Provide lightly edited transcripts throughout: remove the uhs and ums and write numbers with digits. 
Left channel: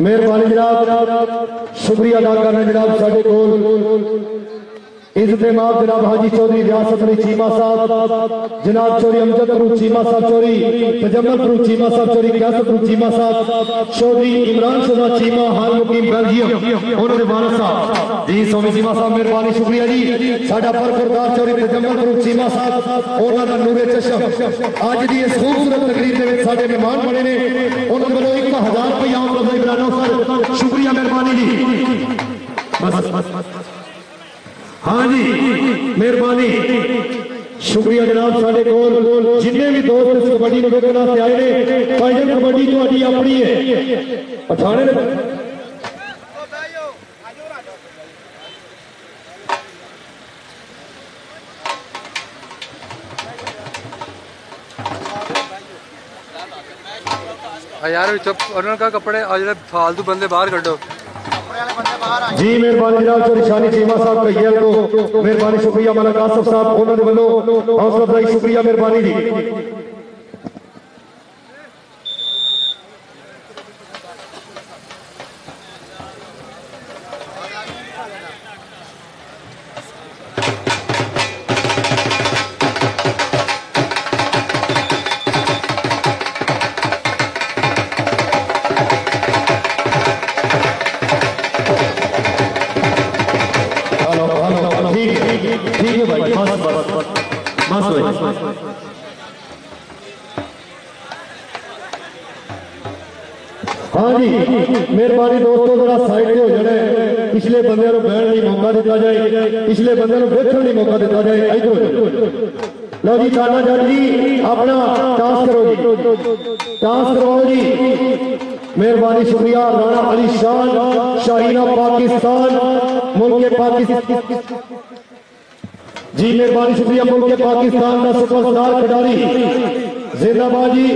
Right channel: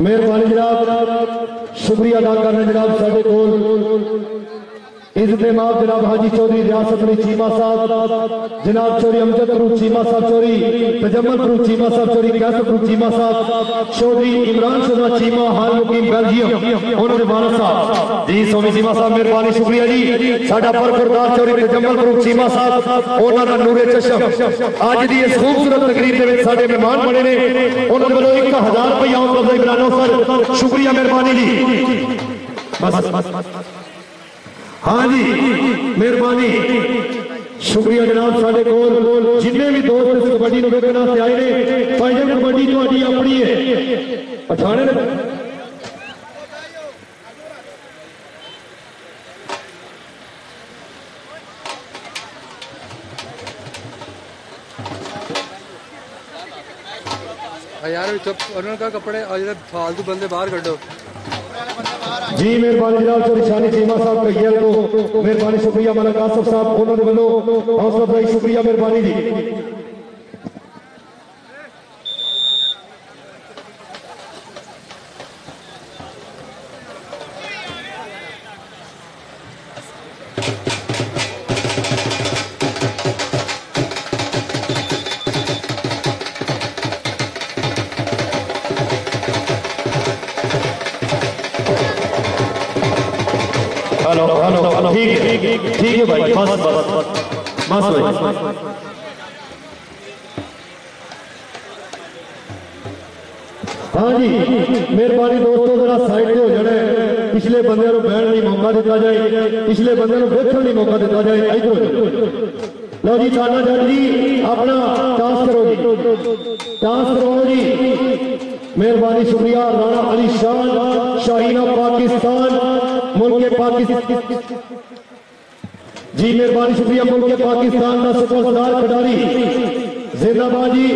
मेहरबानी जनाब, शुक्रिया अदा करना जनाब। साढ़े कोल इज्जत माफ जनाब हाजी चौधरी रियासत अली चीमा साहब, जनाब चौधरी अमजद फरूक चीमा साहब चौधरी, तजम्मल फरूक चीमा साहब चौधरी, कैसर फरूक चीमा साहब चौधरी, इमरान शुदा चीमा हाल मुकीम बेल्जियम, उन्होंने वालिद साहब जी सोमी चीमा साहब मेहरबानी शुक्रिया जी। साडा परफरदार चौधरी तजम्मल फरूक चीमा साहब, उन्होंने नूरे चशम अज की इस खूबसूरत तकरीर के साडे मेहमान बने ने, उन्होंने वालों 1000 रुपया सर शुक्रिया मेहरबानी जी। बस हाँ जी मेहरबानी शुक्रिया जनाब। साढ़े कोल जिन्हें भी दोस्त इस कबड्डी को देखने वास्ते आए ने, भाईजान कबड्डी थोड़ी अपनी है पठाने यार उन्होंने कपड़े फालतू बंदे बाहर कड्डो जी। मेहरबानी जनाब चौधरी शानी चीमा साहब कहियल को मेहरबानी शुक्रिया। मलक आसफ साहब उन्होंने वालों हौसला अफजाई शुक्रिया मेहरबानी जी। ठीक है भाई, बस भाई। हाँ जी मेहरबानी दोस्तों जरा साइड हो जाए, पिछले बंदे को बहन नहीं मौका दिता जाए, पिछले बंदे को देखने नहीं मौका दिता जाए। इधर लो जी थाना जज जी अपना टास्क करो जी, टास्क करवाओ जी मेहरबानी शुक्रिया। राणा अली शान शाहीना पाकिस्तान मुल्क पाकिस्तान जी मेहरबानी शुक्रिया। मुल्क पाकिस्तान का सुपरस्टार खिडारी जिंदाबाद जी।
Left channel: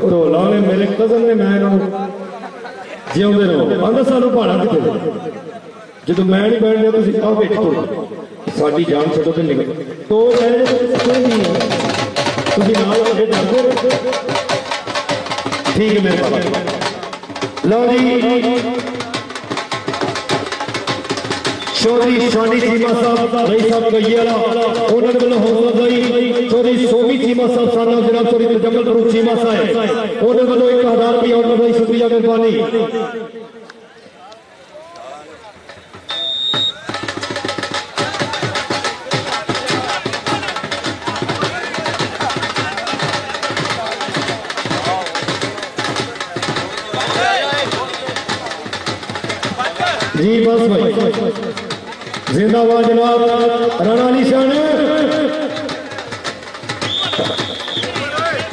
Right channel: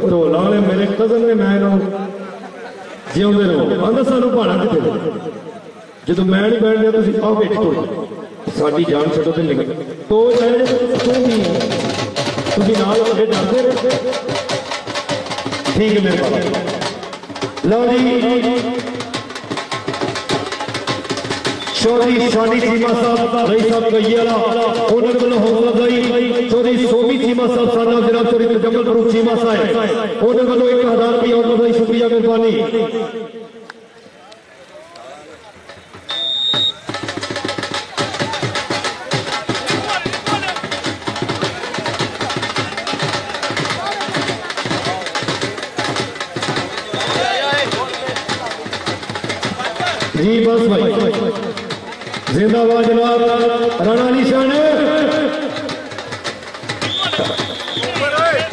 ढोला ने मेरे कजन ने मैं जिंदे रहो आंदा सानू भाड़ा कितने जो मैं नहीं बैठ दिया तुम आओ बेच ढोला साड़ी जान छो तो निकल तो ठीक है मेरे पास। लो जी चौधरी शानी चीमा साहब रही साहब गईला उन्होंने वालों हौसला अफजाई। चौधरी सोमी चीमा साहब साना जनाब चौधरी तजम्मल फरूक चीमा साहब उन्होंने वालों 1000 रुपया हौसला अफजाई शुक्रिया मेहरबानी। जी बस भाई जिंदाबाद जनाब। राणा अली शान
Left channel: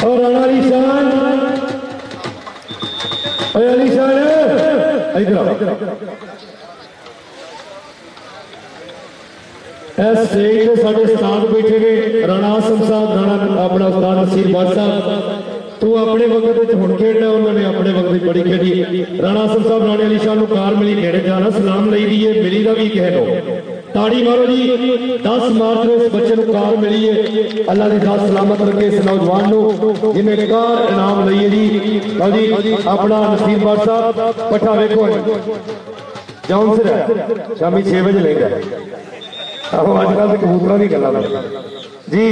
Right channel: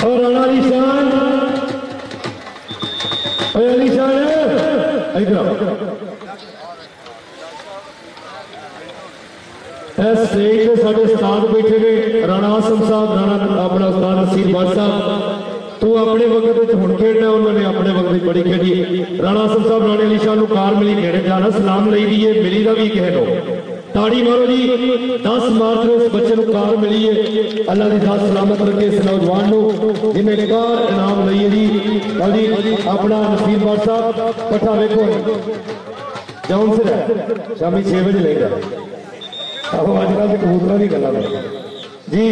और राणा अली शान अली शान इधर स्टेज पे साढ़े उस्ताद बैठे ने राणा आसम साहब, राणा अपना उस्ताद नसीर भट्ट साहब। तू अपने वक्त हुण खेडना, उन्होंने अपने वक्त बड़ी खेडी। राणा आसम साहब राणे अली शाह को कार मिली खेड़े जाना सलाम लई दी है, मिली का भी कह लो ताड़ी मारो जी। 10 मार्च में इस बच्चे को कार मिली है, अल्लाह की दात सलामत रखे इस नौजवान को जिन्हें कार इनाम लई है जी। अपना नसीर भट्ट साहब पट्ठा वेखो जाऊन सिर शामी 6 बजे लेगा अजकल तो कबूतरा की गल जी।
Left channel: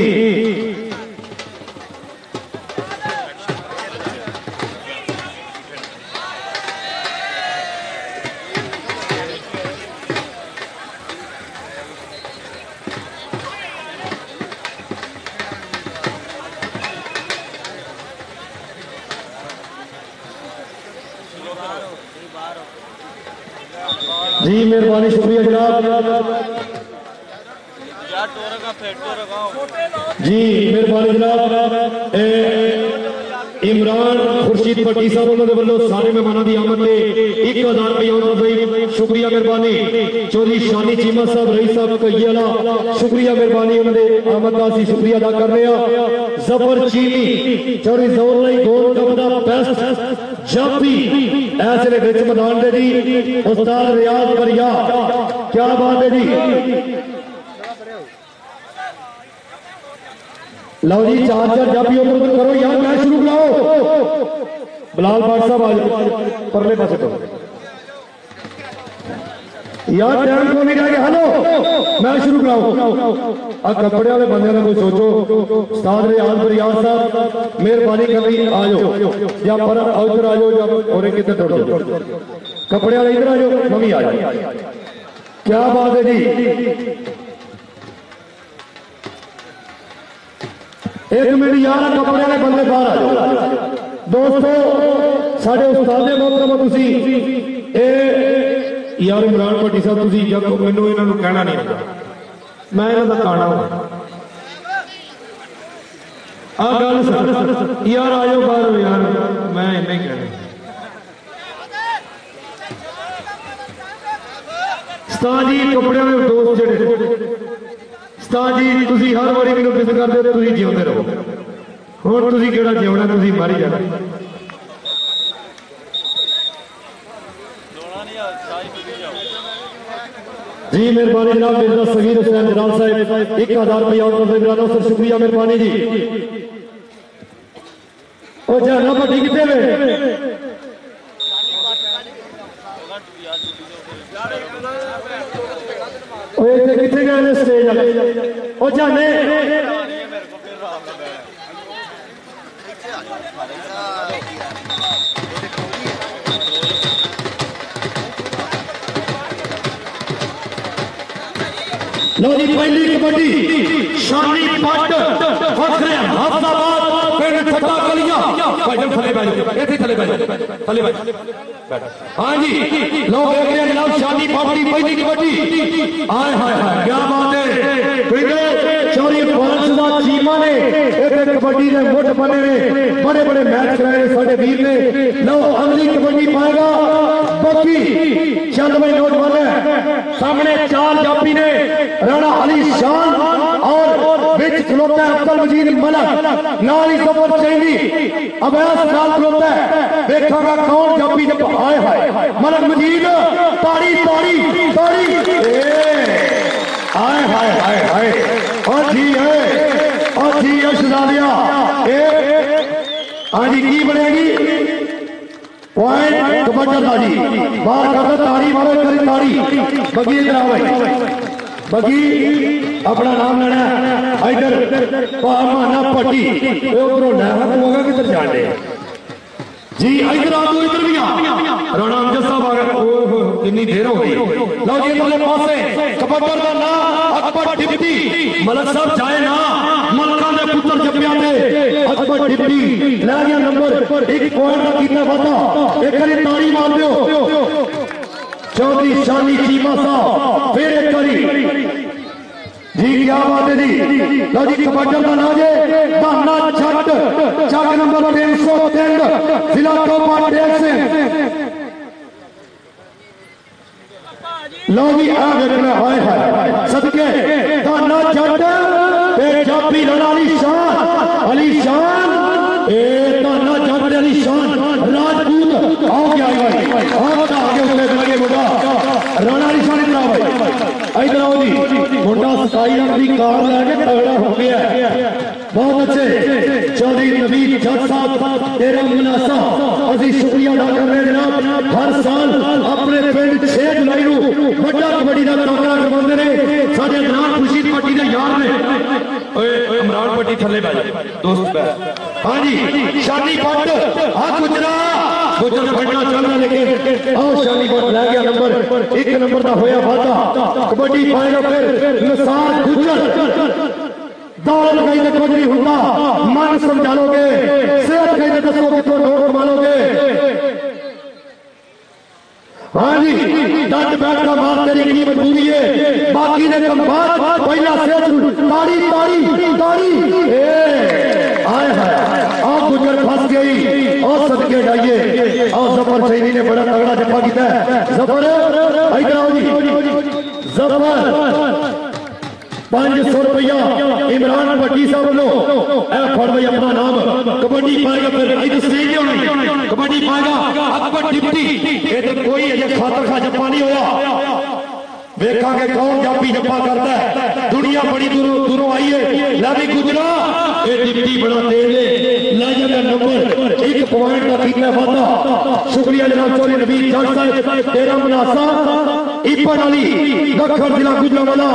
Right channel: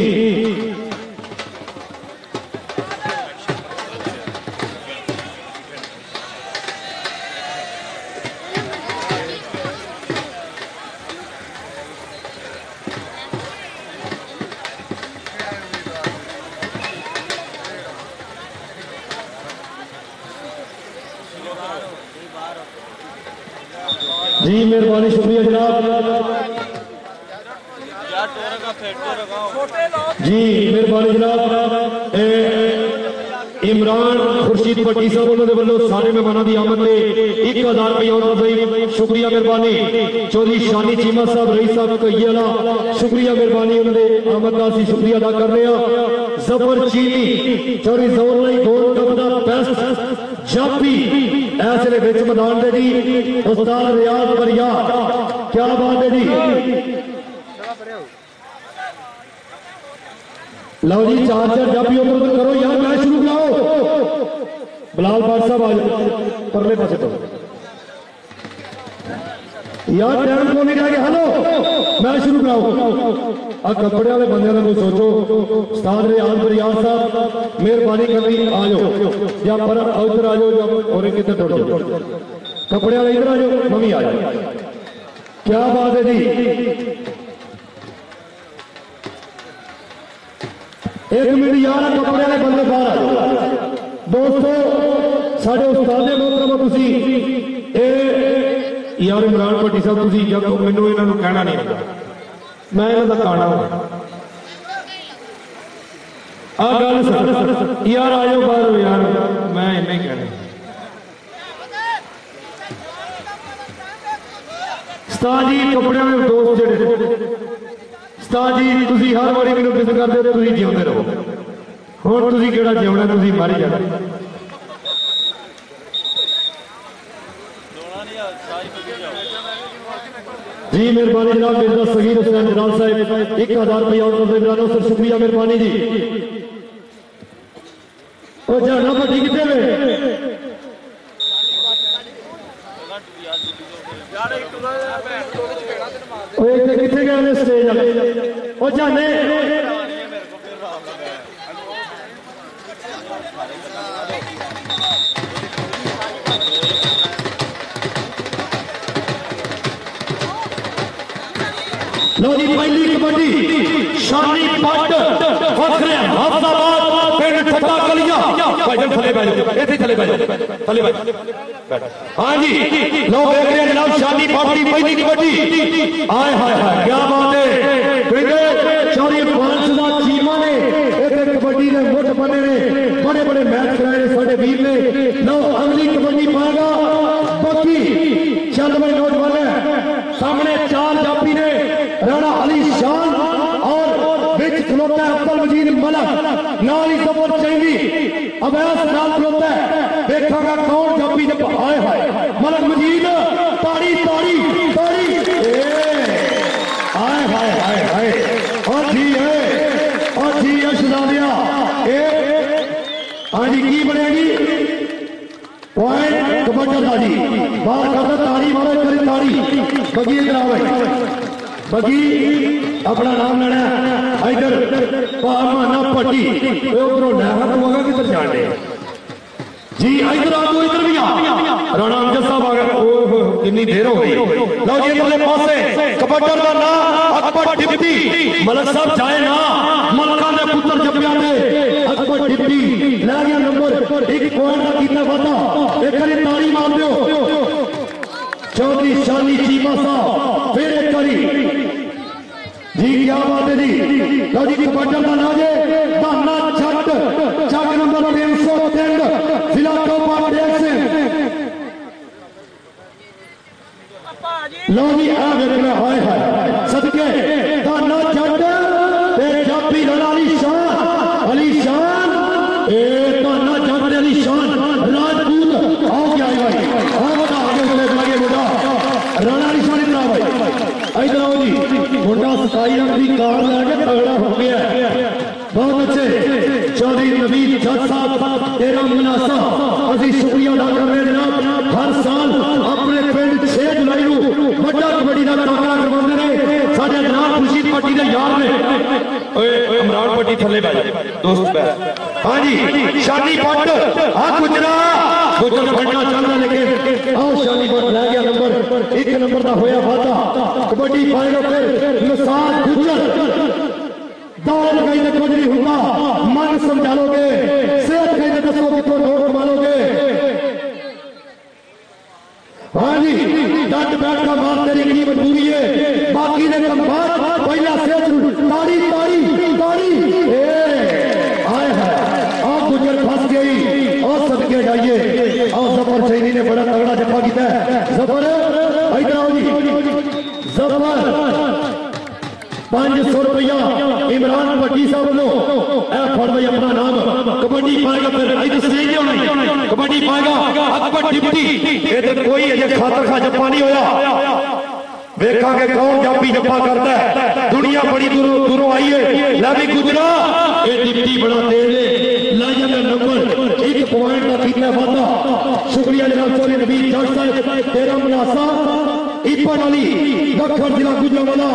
जी मेहरबानी शुक्रिया जनाब। जी मेहरबानी जनाब। इमरान खुर्शीद भट्टी साहब उन्होंने वालों सारे मेहमानों की आमद में 1000 रुपया शुक्रिया मेहरबानी। चौधरी शानी चीमा साहब रईस साहब कईला शुक्रिया मेहरबानी, उन्होंने आमद का असीं शुक्रिया अदा कर रहे हैं। जफर चीनी चौधरी जोर लाई गोल कप दा बेस्ट जाफी ऐसे विच मैदान दे जी उस्ताद रियाज बरिया क्या बात है जी। लो जी 4 जाफी उधर उधर करो यार, मैच शुरू कराओ। बिलाल भाट साहब आ जाओ परले पासे तो यार, टाइम को नहीं रह गया। हेलो मैच शुरू कराओ। आ कपड़े वाले बंदे का कोई सोचो। उस्ताद रियाज बरियाज साहब मेहरबानी करनी आ जाओ, या पर उधर आ जाओ, और किधर दौड़ जाओ। कपड़े वाले इधर आ जाओ, मम्मी आ जाओ। क्या बात है जी, एक मिनट यार, कपड़े वाले बंदे बाहर आ जाओ। दोस्तों साढ़े उस्ताद मोहतरम तुसी यार इमरान भट्टी साहब तुसी जब मैनू इन्हों कहना नहीं आता, मैं इन्हों का काना हूं। आ गल यार आ जाओ बाहर यार, मैं इन्हें कहना। उस्ताद जी कपड़े में दोस्त जेडे उस्ताद जी तुसी हर बारी मैनू किस करदे हो, तुसी जिउंदे रहो। हुण तुसी किहड़ा जिउणा, तुसी मारी जाना। जी मेहरबानी जनाब, मिर्जा सगीर हुसैन जलाल साहब 1000 रुपया और सर शुक्रिया, मेहरबानी जी। और जाना भट्टी कितने में कितने गए स्टेज वाले और जाने लो जी पहली कबड्डी शानी पट फखरे हफ्ताबाद पिंड ठट्टा कलिया भाई थले बैठ इथे थले बैठ थले बैठ। हां जी लो देख रहे हैं जनाब, शानी पट की पहली कबड्डी। हाय हाय हाय क्या बात है, बिंदे चौरी पांचवा चीमा ने एक कबड्डी ने मुठ बने ने, बड़े बड़े मैच कराए ने साडे वीर ने। लो अगली कबड्डी पाएगा बाकी चल भाई नोट वाले सामने 4 जाफी ने, राणा अली शान और बिच खलोता है अब्दुल मजीद मलक, नाली जबर चैनी अवैस नाल खलोता है। देखा कौन जाफी जब आए हाय मलक मजीद ताड़ी ताड़ी ताड़ी आए हाय हाय हाय और जी है शहजादिया। हाँ जी की बनेगी पॉइंट कबड्डी जी बाहर करते ताड़ी मारो करी ताड़ी। बगी इधर आओ बगी अपना नाम लेना इधर माना पट्टी उधरों लहरा तू आगे किधर जाने जी इधर आ तू इधर भी आ। राणा अमजद साहब आ गए, कितनी देर हो गई। लो जी इधरले पासे कबड्डी का नाम अकबर डिप्टी मलक साहब जाए ना, मलका दे पुत्र जप्पिया ने अकबर डिप्टी ले गया नंबर 1 पॉइंट का कितना वादा। एक बारी ताड़ी मार दो चौधरी शानी चीमा साहब, फिर एक बारी जी क्या बात है जी। लो जी कबड्डी का नाम है बहाना छट चक नंबर 303 जिला टोपा डेढ़ से। लो जी आ गए हाय हाय सदके बहाना छट जाफी अली शान ए बहाना छट अली शान राजपूत आओ क्या भाई आओ बता आगे लगे मुंडा राणा अली शान इधर आओ भाई इधर आओ जी। मुंडा 27 रन की कार लैके तगड़ा हो गया, बहुत अच्छे। चौधरी नवीद जज साहब तेरा मुनासा अभी शुक्रिया अदा कर रहे जनाब। हर साल अपने पिंड 6 जुलाई को बड़ा कबड्डी का टाकरा करवाते हैं साडे जनाब खुर्शीद पट्टी के यार ने। इमरान पट्टी थले बैठ दोस्त बैठ। हाँ जी शानी पट आ गुजरा गुजर फड़ना चल रहा लेकिन आओ शानी पट लै गया नंबर 1 नंबर का होया वादा। कबड्डी पाएगा फिर निसार गुजर दौड़ लगाई तो कुछ नहीं होता, मन समझा लोगे सेहत कहीं दसो कितों नोट कमा लोगे। हाँ जी डट बैठ का बात तेरी की मजबूरी है, बाकी ने कम बात पहला सेहत ताड़ी ताड़ी ताड़ी आए है आप गुजर फंस गई और सदके जाइए। और जफर सैनी ने बड़ा तगड़ा जफा किया है। जफर इधर आओ जी, जफर 500 रुपया इमरान भट्टी साहब लो फड़ भाई अपना नाम। कबड्डी पाएगा फिर कबड्डी पाएगा अकबर डिप्टी। ये तो कोई अजय खातर खा जप्पा नहीं होया, देखा कौन जाफी जप्पा करता है। दुनिया बड़ी दूरों आई है। लवी गुजरा ये डिप्टी बड़ा तेज है, लाई जाता नंबर 1 पॉइंट का कितना वादा। शुक्रिया जनाब चौधरी नबीद जट साहब, तेरा मुनासा इपन अली दखन जिला गुजरांवाला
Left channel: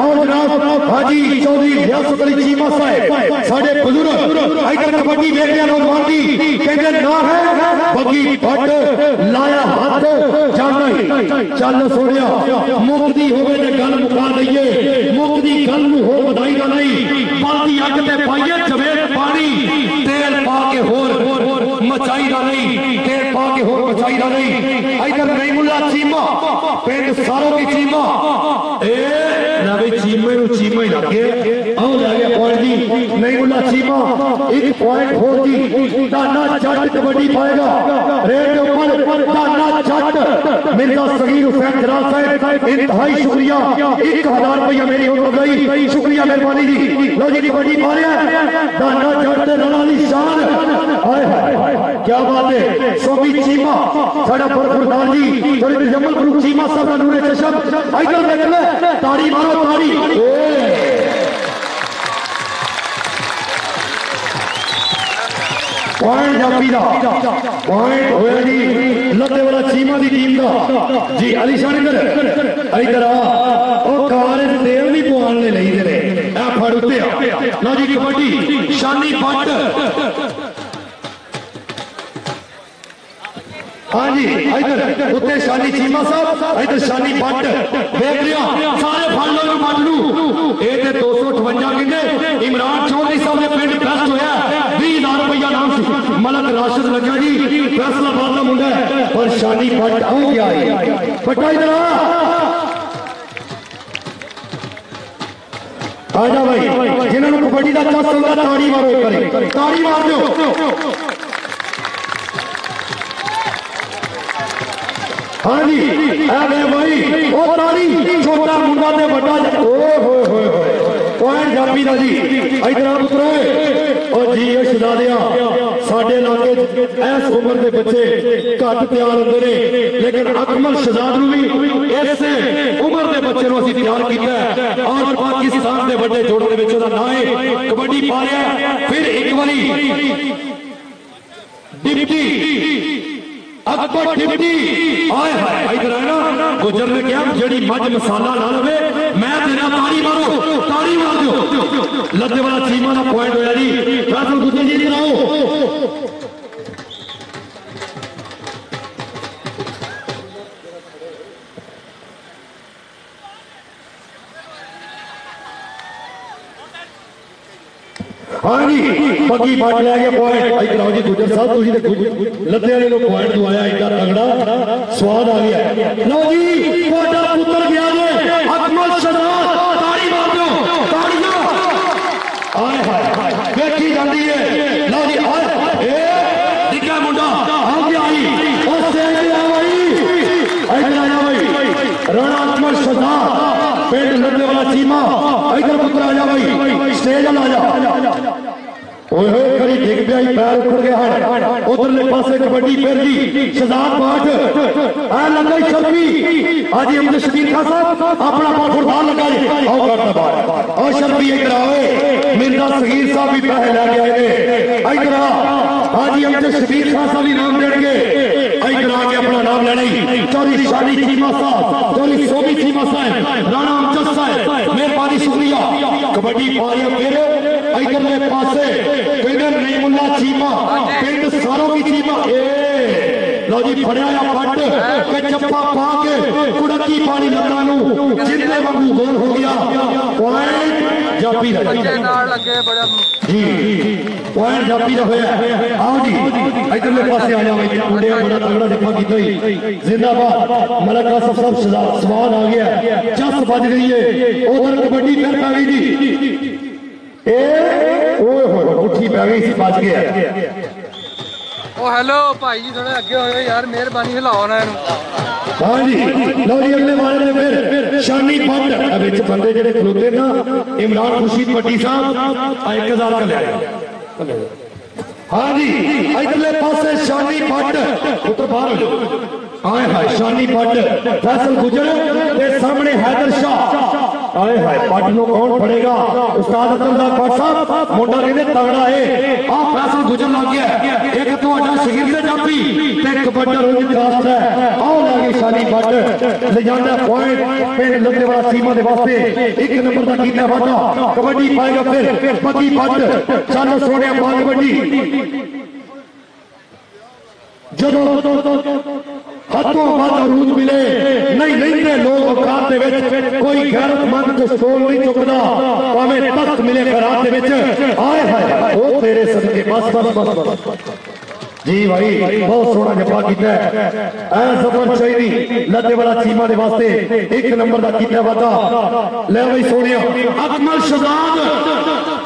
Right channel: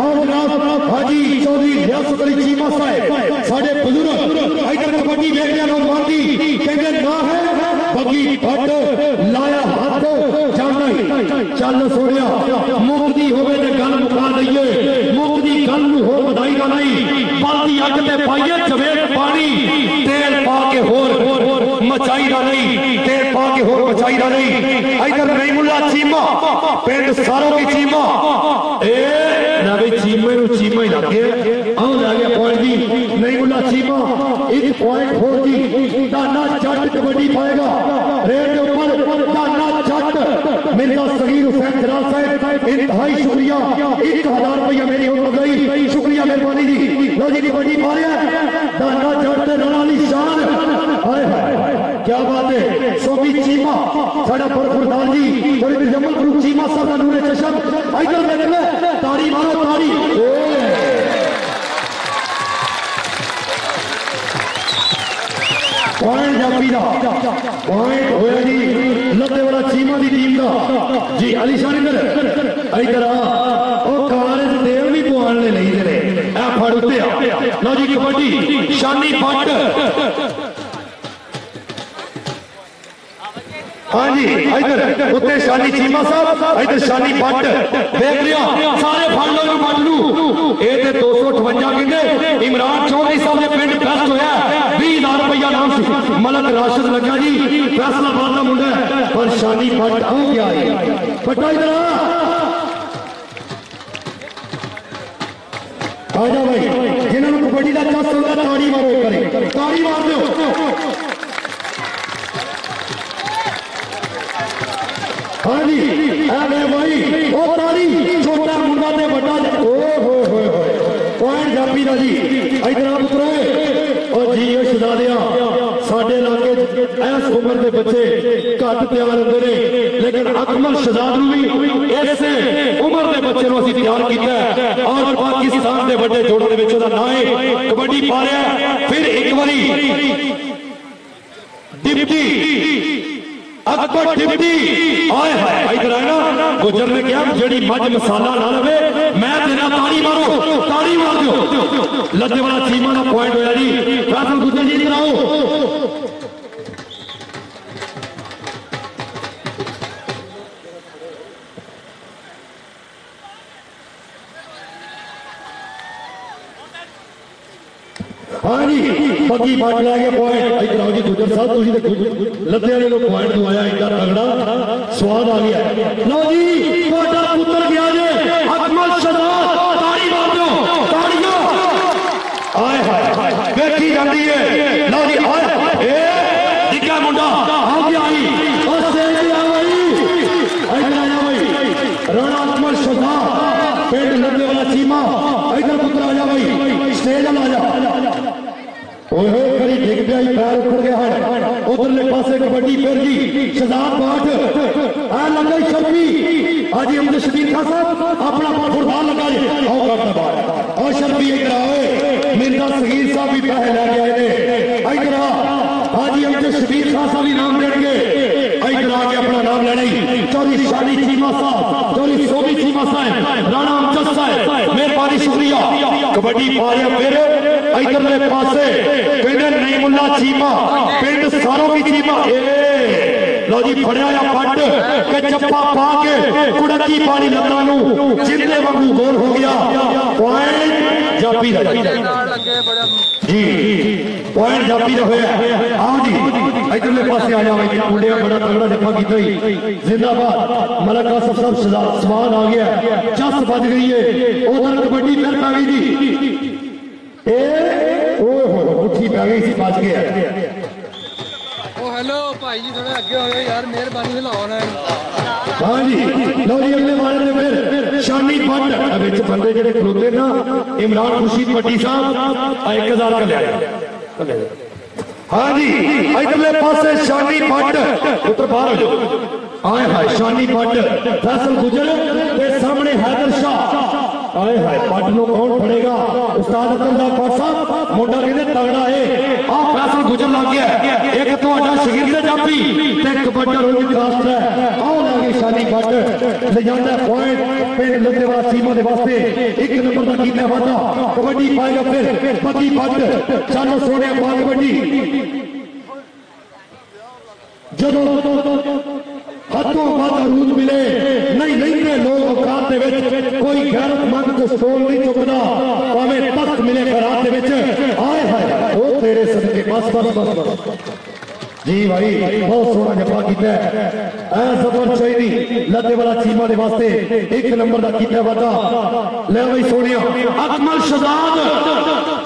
और जनाब हाजी चौधरी रियासत अली चीमा साहब साडे बुजुर्ग इधर कबड्डी वेखने नौजवान दी कहते ना है बगी फट लाया हाथ जाना ही चल सोनिया मुक्ति होवे ते गल मुका दईए, मुक्ति गल नूं होर वधाई ना नहीं, बाल्टी अग ते पाइए चवेट पानी तेल पा के होर मचाई ना नहीं, तेल पा के होर मचाई ना नहीं। इधर रहीमुल्ला चीमा पिंड सारों की चीमा ए ना भी चीमे नूं चीमा ही लग गया आओ लगे पॉइंट दी रहीमुल्ला चीमा 1 पॉइंट होर दी दाना जट कबड्डी पाएगा रेड के ऊपर दाना जट मिर्जा सगीर हुसैन जलाल साहब इंतहाई शुक्रिया 1000 रुपया मेरी हो गई, शुक्रिया मेहरबानी जी। लो जी कबड्डी पा रहा है दाना जट राणा दी शान, हाय हाय क्या बात है। सोबी चीमा साडा बरखुरदार जी थोड़ी जमल गुरु चीमा साहब का नूरे चशम इधर देख ले ताड़ी मारो ताड़ी पॉइंट जापी दा पॉइंट होया जी लत्ते वाला चीमा दी टीम दा जी अली शान इधर इधर आ ओ कारे ते तेल नहीं पवान ले लई दे ए फड़ उत्ते आ लो जी कबड्डी शानी पट हाँ जी इधर उत्ते शानी चीमा साहब इधर शानी पट देख लिया सारे फड़ लो मत लू ए ते 258 कहंदे इमरान चौधरी साहब ने पिंड बेस्ट होया 20,000 रुपया नाम सी मलक राशिद लगा जी फैसला बादा मुंडा पर शानी पट आ गया है पट्टा इधर आ जा भाई जिन्होंने कबड्डी का टच होता ताड़ी मारो एक बारी ताड़ी मार दो हाँ जी भाई ओ ताड़ी छोटा मुंडा ते बड़ा पॉइंट जापी दा जी इधर आप उतरे और जी ये शहजादिया साडे इलाके इस उम्र के बच्चे घट तैयार होंगे ने लेकिन अकमल शहजाद नूं भी इस उम्र के बच्चे नूं असीं तैयार कीता और पाकिस्तान के बड़े जोड़ों दे विच ओहदा नाम है कबड्डी पा रहा फिर एक बारी डिप्टी अकबर डिप्टी आए हाय इधर आए ना गुजर ने क्या जेड़ी मज मसाला ना लवे मैं तेरा ताड़ी मारो ताड़ी मार दो लद्दे वाला चीमा का पॉइंट होया जी फैसल गुजर जी इधर आओ हाँ जी बगी बट लै गए पॉइंट इधर आओ जी गुजर साहब तुम लद्दे वाले लोग पॉइंट दवाया इतना तगड़ा स्वाद आ गया लो जी तुहाडा पुत्र गया जे अकमल शहजाद ताड़ी मार दो ताड़ियां आए हाय देखी जाती है लो जी आए ए दिखा मुंडा आ गया आई और सेज आ भाई इधर आया भाई राणा अकमल शहजाद पेट लद्दे वाला चीमा इधर पुत्र आ जा भाई स्टेज आ जा करी डिग पिया पैर उखड़ गया है उधरले पासे कबड्डी फिर जी शहजाद पाठ आ लगा शर्फी आज अमजद शबीर खान साहब अपना फुटबॉल लगा आओ करता बात और शर्फी इधर आओ मिर्जा सगीर साहब भी पैसे लेके आए ने इधर हाजी अमजद शबीर खान साहब भी नाम देंगे इधर आके अपना नाम लेना चौधरी शानी चीमा साहब चौधरी सोबी चीमा साहब राणा अमजद साहब मेहरबानी शुक्रिया कबड्डी पा रहे फिर इधरले पासे पिंड रहीमुल्ला चीमा पिंड सारों की चीमा लो जी फड़िया पट के चप्पा पा के कुड़की पानी लत्तां नूं जिंदे वांगू गोल हो गया पॉइंट जापी दा जी पॉइंट जापी दा होया आओ जी इधरले पासे आ जाओ मुंडे बड़ा तगड़ा जप्पा कीता ही जिंदाबाद मलक आसफ साहब सवाल आ गया जस बज गई है उधर कबड्डी फिर पै गई जी उठी पै गई सी बच गया ओ हेलो भाई जी थोड़े अगे हो यार मेहरबानी हिलाओ ना हाँ जी लो जी अगले वाले ने फिर शानी पट विच बंदे जेडे खलोते ना इमरान खुर्शीद पट्टी साहब 1000 का लिया हाँ जी इधरले पासे शानी पट पुत्र बाहर हो जाओ आए हाय शानी पट फैसल गुजर के सामने हैदर शाह आए हाय पट नु कौन फड़ेगा उस्ताद अब्दुल्ला पट साहब मुंडा कहते तगड़ा है आ फैसल गुजर लग गया एक ਤੁਹਾਡਾ शगिर्द जापी ते कबड्डी रोज खास है आओ लागे शानी पट ले जांदा पॉइंट पिंड लुधे वाला सीमा दे वास्ते एक नंबर दा कीता वादा कबड्डी पाएगा फिर पति पट चलो सोने पाल कबड्डी जदों हथों हथ अरूद मिले नहीं लेंदे लोग औकात दे विच कोई गैरतमंद ते स्टोल नहीं चुकदा भावें तख्त मिले खरात दे विच आए हाय ओ तेरे सदके बस बस बस बस जी भाई बहुत सोहना जफा कीता है ऐ जबर चाहिए लद्दे वाला चीमा दे वास्ते एक नंबर दा कीता वादा ले भाई सोनिया अकमल शहजाद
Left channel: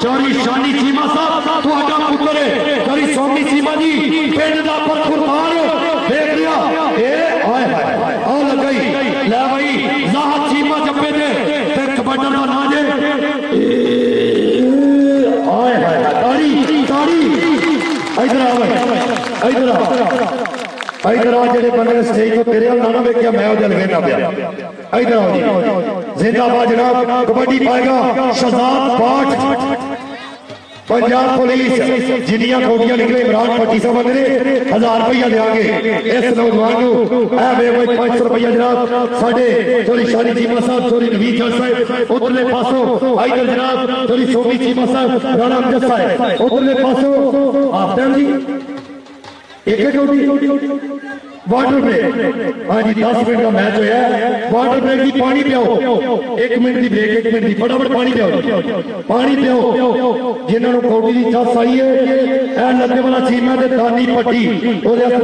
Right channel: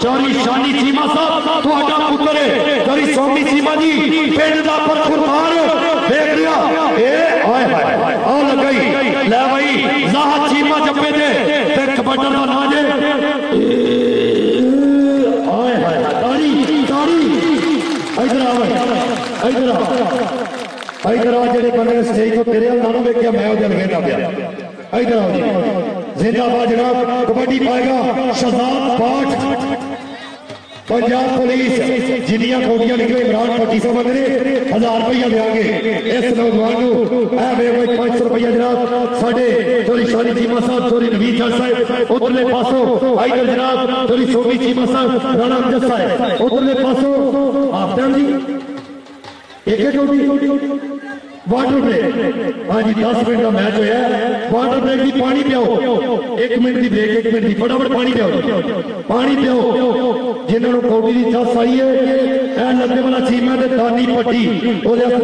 चौरी शानी चीमा साहब तुहाडा पुत्र है चौरी स्वामी चीमा जी पिंड दा परखुरदार देख लिया ए हाय हाय आ लगाई ले भाई जाहद चीमा जप्पे दे ते कबड्डी दा ना जे हाय हाय ताड़ी ताड़ी इधर आ भाई इधर आ जेडे बंदे ने स्टेज तो तेरे ना ना वेख्या मैं ओदे लवेंदा पिया इधर आओ जी जिंदाबाद जनाब कबड्डी पाएगा शहजाद पाठ पंजाब पुलिस जिन्नियां कोटियां निकले इमरान पट्टी साहब ने 1000 रुपया देंगे इस नौजवान को ए वे 500 रुपया जनाब साडे चोरी शानी चीमा साहब चोरी नवीद जज साहब उधरले पासों इधर जनाब चोरी सोमी चीमा साहब राणा अमजद साहब उधरले पासों आफ्ताब जी एक वाटर ब्रेक हाँ जी 10 मिनट का मैच होया वाटर ब्रेक की पानी पियाओ 1 मिनट की ब्रेक 1 मिनट की फटाफट पानी पियाओ जिन्होंने कौड़ी की चस आई है लगे वाला चीमा ते दानी पट्टी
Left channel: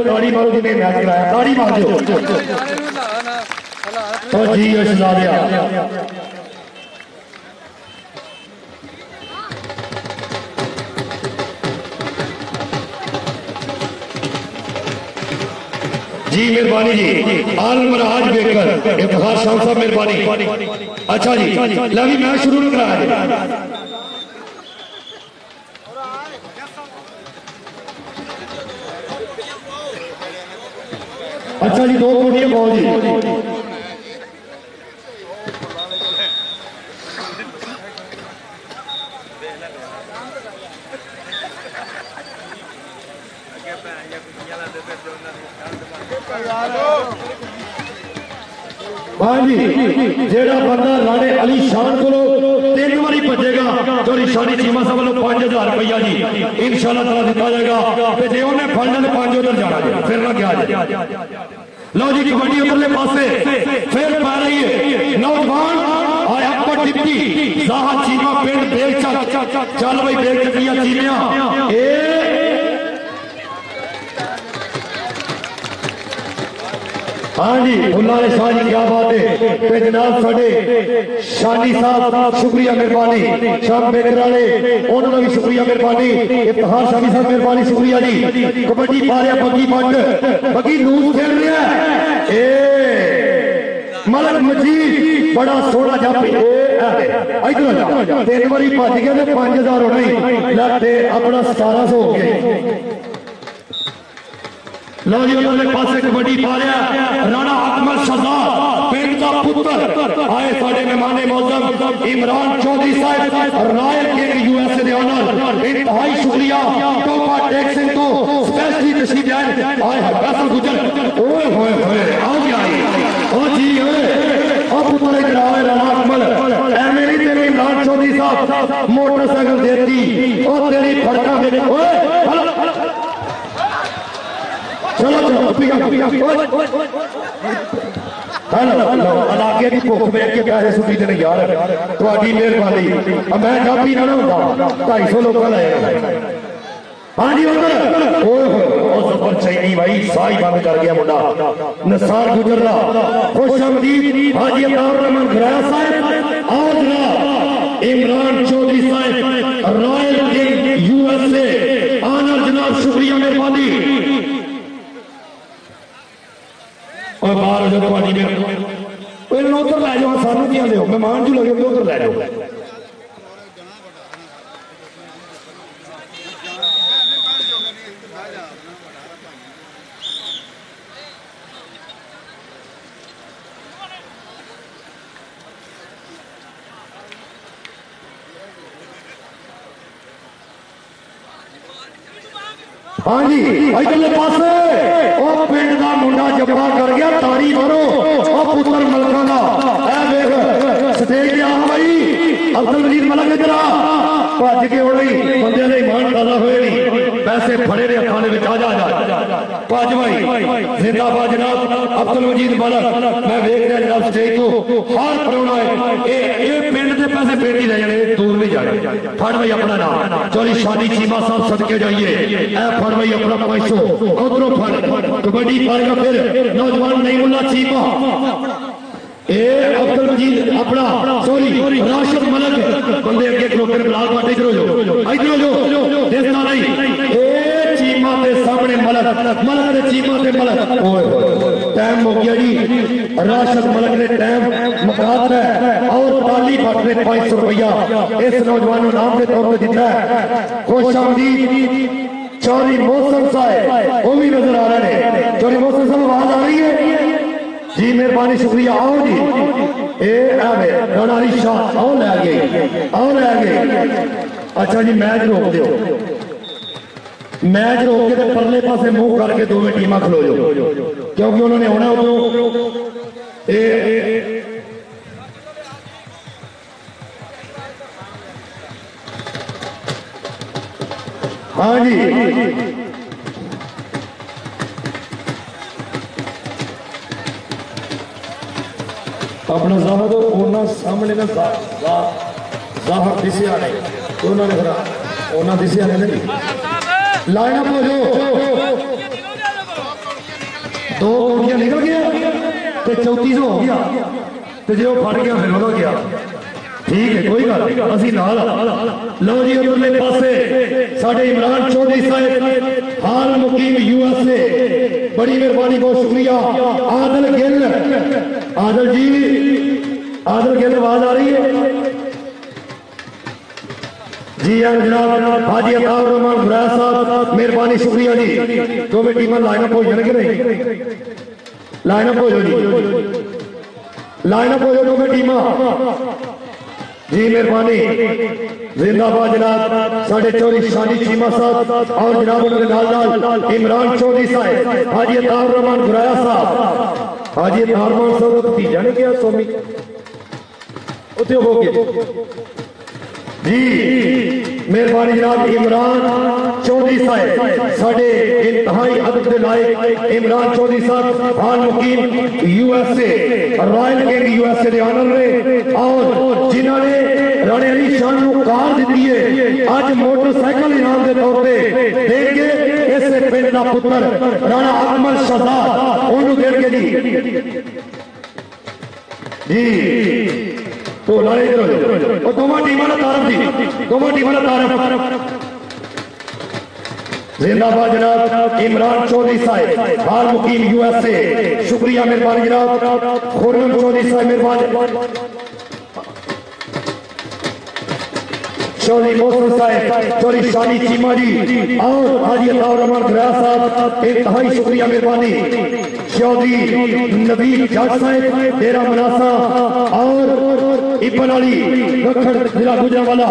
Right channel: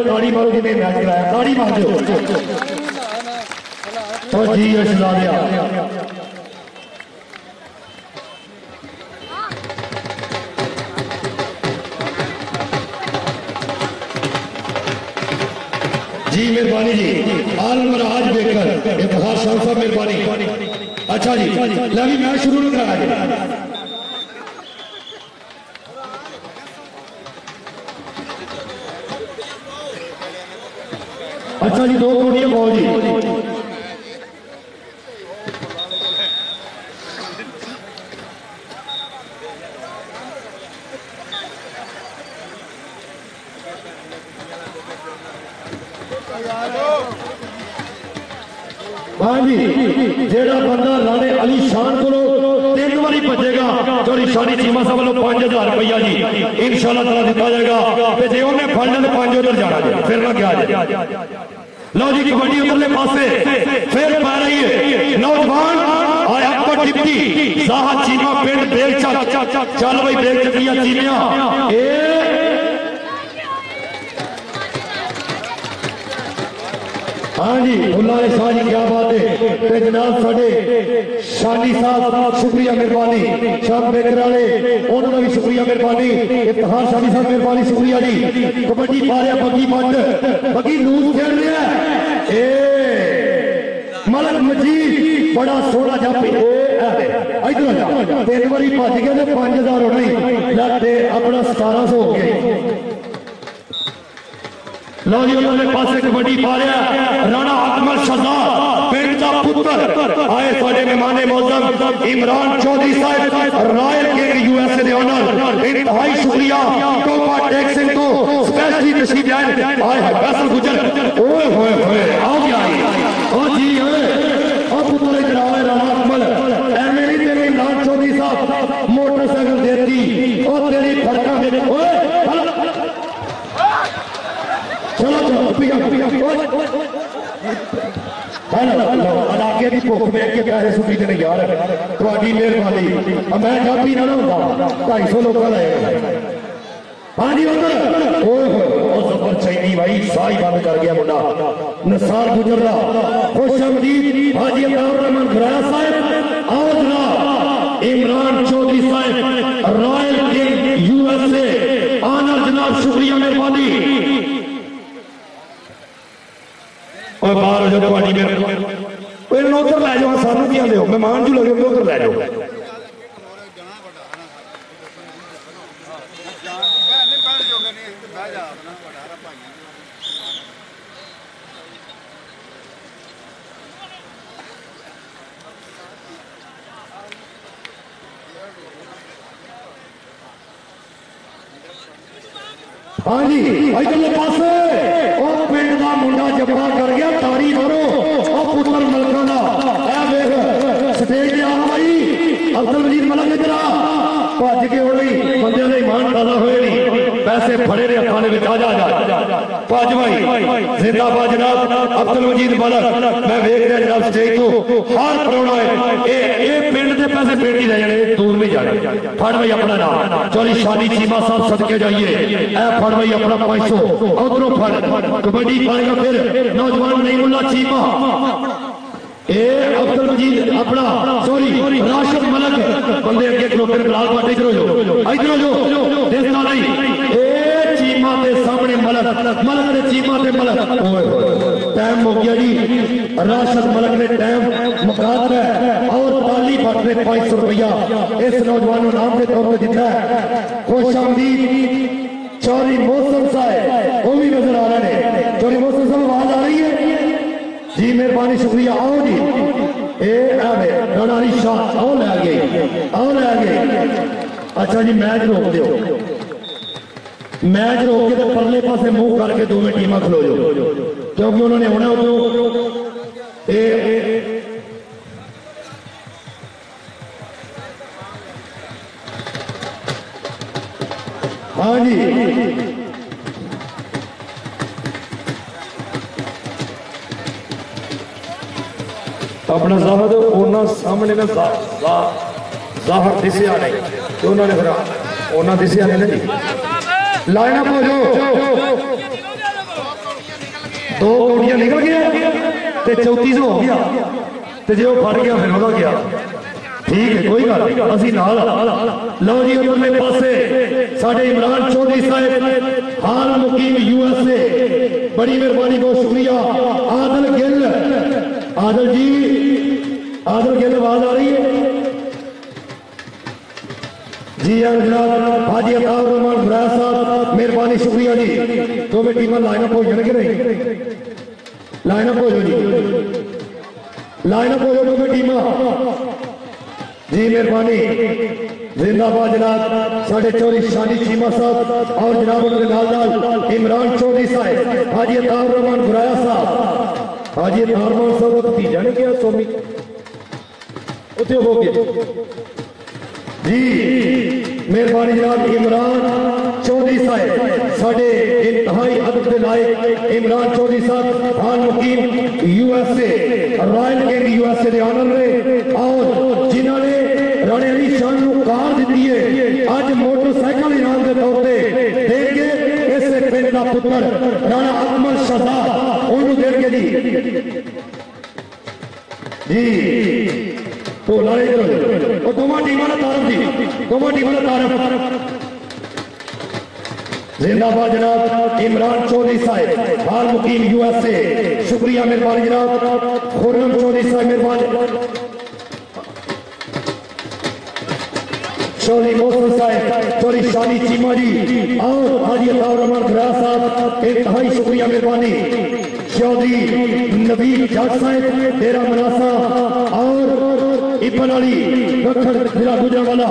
ताड़ी मारो जिन्हें मैच कराया ताड़ी मार दो जी ला दिया जी मेहरबानी जी आलम राज बेकर इफ्तिखार शाह साहब मेहरबानी अच्छा जी ला भी मैच शुरू नहीं कराया अच्छा जी 2 कोटियां बॉल जी हाँ जी जेड़ा बंदा राणे अली शान को 3 बारी भजेगा चोरी शानी चीमा साहब वालों 5000 रुपया जी इंशाल्लाह ताला दिता जाएगा जो उन्हें फड़ना तो 5 उधर जाना फिर ना क्या लो जी कबड्डी उधरले पासे फिर पा रही है नौजवान आया पर डिप्टी जाहद चीमा पिंड बेलचा चल भाई बेल चकिया चीमिया हाँ जी बुल्ला शाह जी क्या बात है तो जनाब साडे शानी साहब शुक्रिया मेहरबानी शाम बेकर वाले उन्होंने भी शुक्रिया मेहरबानी इफ्तिखार शामी साहब मेहरबानी शुक्रिया जी कबड्डी पा रहा बग्गी पंड बग्गी लूज खेल रहा है मलक मजीद बड़ा सोहना जापी इधर 3 बारी भज गया 5000 होना ही अपना 1700 हो गया लो जी उन्होंने पासे कबड्डी पा रहा राणा अकमल शहजाद पिंड का पुत्र आए साडे मेहमान मौजूद इमरान चौधरी साहब रॉयल किंग यूएसए दे ऑनर इंतहाई शुक्रिया टोपा टैक्सिंग तो स्पेशली तशरीफ लाए आए फैसल गुजर ओए होए होए आ गया ओ जी ओए ओ पुत्र इधर आए राणा अकमल एवं नहीं तेरे इमरान चौधरी साहब मोटरसाइकिल देती ओ तेरी फड़का में ओए चलो इलाके की भुख वेख के पैसे सुटी देने यार थोड़ी मेहरबानी मैं जापी ना होता 250 लोग लाए हाँ जी उधर जबर चाहिए भाई साई बंद कर गया मुंडा नसार गुजर रहा खुश आमदीद हाजी अब्दुल रहमान घराया साहब और जनाब इमरान चौधरी साहब रॉयल किंग यूएसए आनर जनाब शुक्रिया मेहरबानी बाहर हो जाओ उधर लै जाओ सानू की आते हो मेहमान जो लगे उधर लै जाओ हाँ जी इधरले पासे ओ पिंड दा मुंडा जब्बा कर गया तारी मारो ओ पुत्र मलका दा ए वेख स्टेज ते आ भाई अब्दुल मजीद मलक इधर आ भज के उड़ गई बंदे दे ईमान ताला होए नहीं पैसे फड़े ने हत्थां दे विच आ जा भज भाई जिंदाबाद जनाब अब्दुल मजीद मलक मैं वेख रहा जनाब स्टेज तो हर परोना है ए पिंड दे पैसे पेट ही ले जाने दूर नहीं जाने फड़ भाई अपना नाम चोरी शादी चीमा साहब सदके जाइए ए फड़ भाई अपना 500 उधरों फड़ कबड्डी पाएगा फिर नौजवान नईमुल्ला चीमा ए अब्दुल मजीद अपना सॉरी राशिद मलक बंदे अगे खलोते बिलाल पाटे इधर हो जो देखता नहीं ए चीमा के सामने मलक मलक ने चीमा ते मलक टाइम हो गया जी राशिद मलक ने टाइम मुकाता है और ताली फट ने 500 रुपया इस नौजवान नाम के तौर पर दिता है खुश आमदीद चौधरी मोहसिन साहब वो भी नजर आ रहे हैं चौधरी मोहसिन साहब आवाज आ रही है जी मेहरबानी शुक्रिया आओ जी ए आवे राणा अली शाह आओ ले गए अच्छा जी मैच रोक दो मैच रोक के परले पासे मुंह करके दोवें टीमां खलो जाओ क्योंकि उन्होंने होना उदों हाँ जी अपना जाहर उन्होंने सामने ना जाहर दिसिया नहीं तो उन्होंने फिर उन्होंने दिसिया नहीं जी लाइन अप हो जाओ दो कौड़ियां निकल गया ते 3400 हो गया ते जो फड़ गया फिर वो गया ठीक है कोई गल नहीं असी नाल लो जी उधरले पासे साडे इमरान चौधरी साहब हाल मुकीम यूएसए बड़ी मेहरबानी बहुत शुक्रिया आदल गिल आवाज आ रही है जी जनाब हाजी अताउर रहमान गुराया साहब मेहरबानी शुक्रिया जी दोवें टीमां लाइनअप हो जाने कि नहीं लाइनअप हो जाओ जी लाइनअप हो जाओ दोवें टीमां जी मेहरबानी जिंदाबाद जनाब साढ़े चौधरी शानी चीमा साहब और जनाब उनके नाल इमरान चौधरी साहब हाजी अताउर रहमान गुराया साहब हाजी अताउर रहमान साहब भतीजा ने किया सोमी उत्थे हो गए जी मेहरबानी जनाब इमरान चौधरी साहब साढ़े इंतहाई अदब के लायक इमरान चौधरी साहब हाल मुकीम यूएसए रॉयल किंग यूएसए के ऑनर रहे और जिन्होंने राणे अली शाह को कार दी है अज मोटरसाइकिल इनाम के तौर पर देंगे इस पिंड का पुत्र राणा अकमल शहजाद उन्होंने देंगे जी तो लारे दोवां टीमां दा तारफ जी दोवां टीमां दा तारफ जिंदाबाद जनाब इमरान चौधरी साहब हाल मुकीम यूएसए शुक्रिया मेहरबानी जनाब खुर्रम चौधरी साहब मेहरबानी चौधरी मोहसिन साहब चौधरी शानी चीमा जी और हाजी अताउर रहमान गुराया साहब इंतहाई शुक्रिया मेहरबानी चौधरी नबील जट साहब डेरा मनासा और इबन अली दखन जिला गुजरांवाला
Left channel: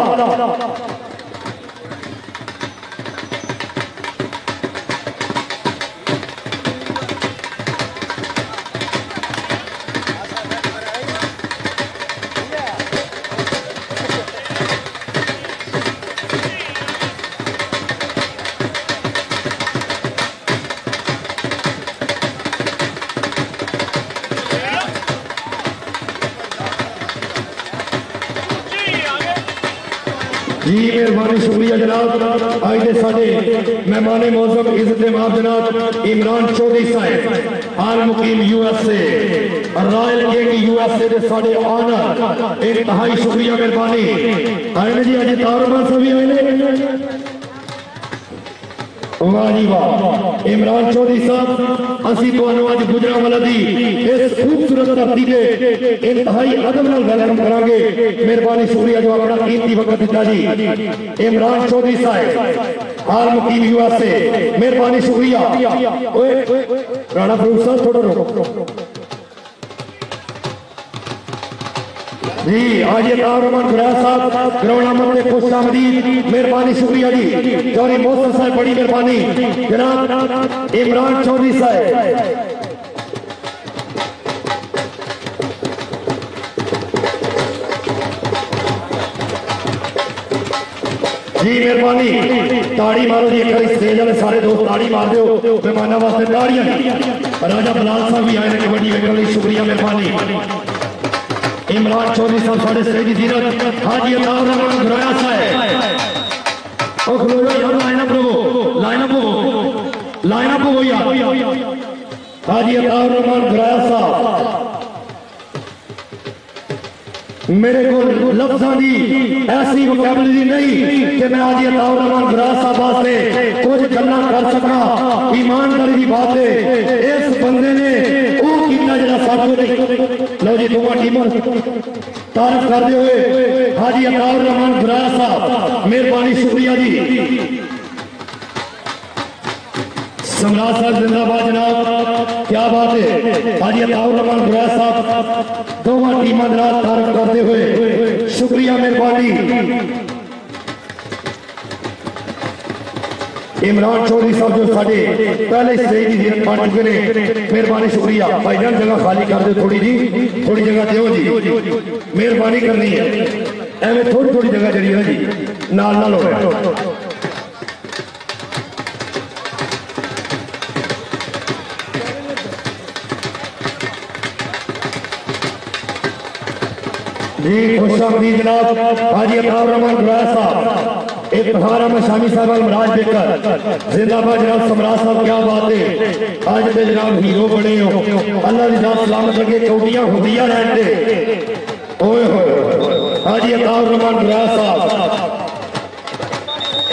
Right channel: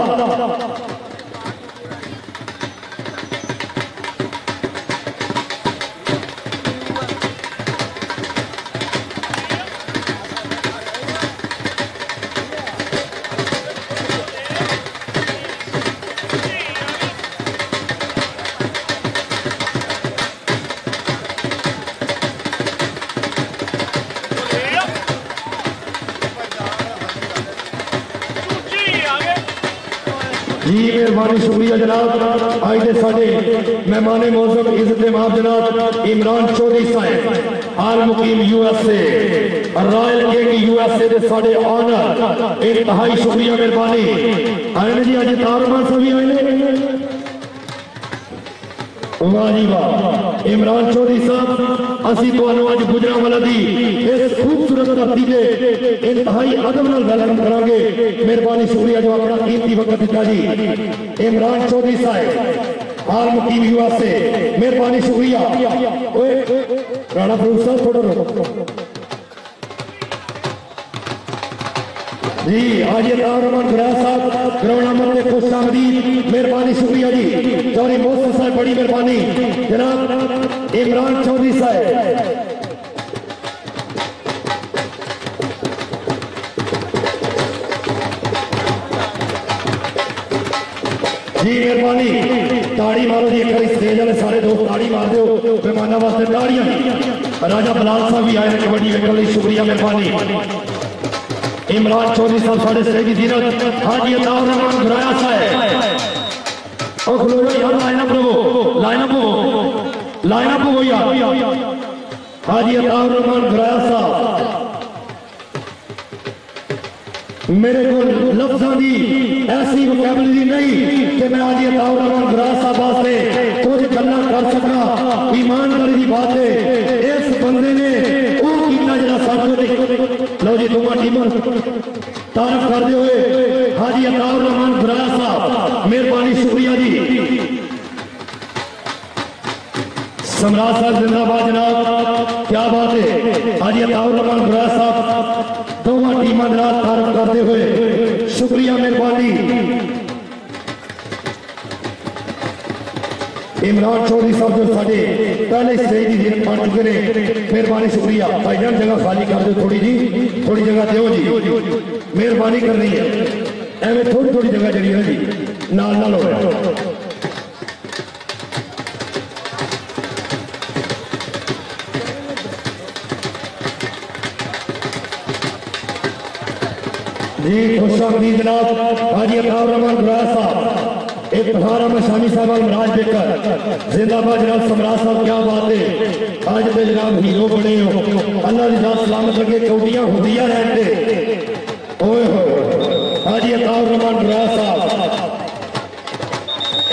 जी मेहरबानी शुक्रिया जनाब आज के साढ़े मेहमान मौजूद इज्जत माफ जनाब इमरान चौधरी साहब हाल मुकीम यूएसए रॉयल किंग यूएसए के साढ़े ऑनर इंतहाई शुक्रिया मेहरबानी आए जी अज तारमान सभी हुए वाह जी वाह इमरान चौधरी साहब असी तुहानू अज गुजरांवाला दी इस खूबसूरत धरती के इंतहाई अदब नाल वेलकम करांगे मेहरबानी शुक्रिया जो अपना कीमती वक्त दिता जी इमरान चौधरी साहब हाल मुकीम यूएसए मेहरबानी शुक्रिया राणा फरूक साहब थोड़ा रोको जी आज ये तारमन गुराया साहब ग्राउंड नंबर पे खुश आमदीद मेहरबानी शुक्रिया जी। चौधरी मोहसिन साहब बड़ी मेहरबानी। जनाब इमरान चौधरी साहब जी मेहरबानी। ताड़ी मारो जी एक स्टेज वाले सारे दोस्त ताड़ी मार दो मेहमानों वास्ते ताड़ियां। राजा बलाल साहब भी आए कबड्डी वेखण लई शुक्रिया मेहरबानी। इमरान चौधरी साहब साढ़े स्टेज की जीरत। हाँ जी अताउर गुराया साहब और खलो यार लाइनअप रहो लाइनअप हो यार। हाँ जी अताउर गुराया साहब मेरे को लफ्ज़ां दी ऐसी वोकैबुलरी नहीं कि मैं आज ये ताउर गुराया साहब वास्ते कुछ गल्लां कर सका। ईमानदारी की बात है इस बंदे ने वो कितना जरा सब लो जी दोवां टीमां तारीफ करते हुए हाजी अताउर गुराया साहब मेहरबानी शुक्रिया जी। सम्राट साहब जिंदाबाद जनाब क्या बात है। हाजी अताउर गुराया साहब दोवां टीमां जनाब तारीफ करते हुए शुक्रिया मेहरबानी। इमरान चौधरी साहब जो साढ़े पहले स्टेज की जीरत बन चुके हैं मेहरबानी शुक्रिया। भाईजान जगह खाली कर दो थोड़ी जी थोड़ी जगह दो जी मेहरबानी करनी है। एवं थोड़ी थोड़ी जगह जी है जी नाल नाल हो रहा जी खुश आमदीद जनाब हाजी अताउर गुराया साहब एक बहारा में शामी साहब मराज देकर जिंदाबाद जनाब। सम्राट साहब क्या बात है आज के जनाब हीरो बने हो। अल्लाह की जात सलामत लगे कौटियां हुदियां रहते ओए होए। हाजी अताउर गुराया साहब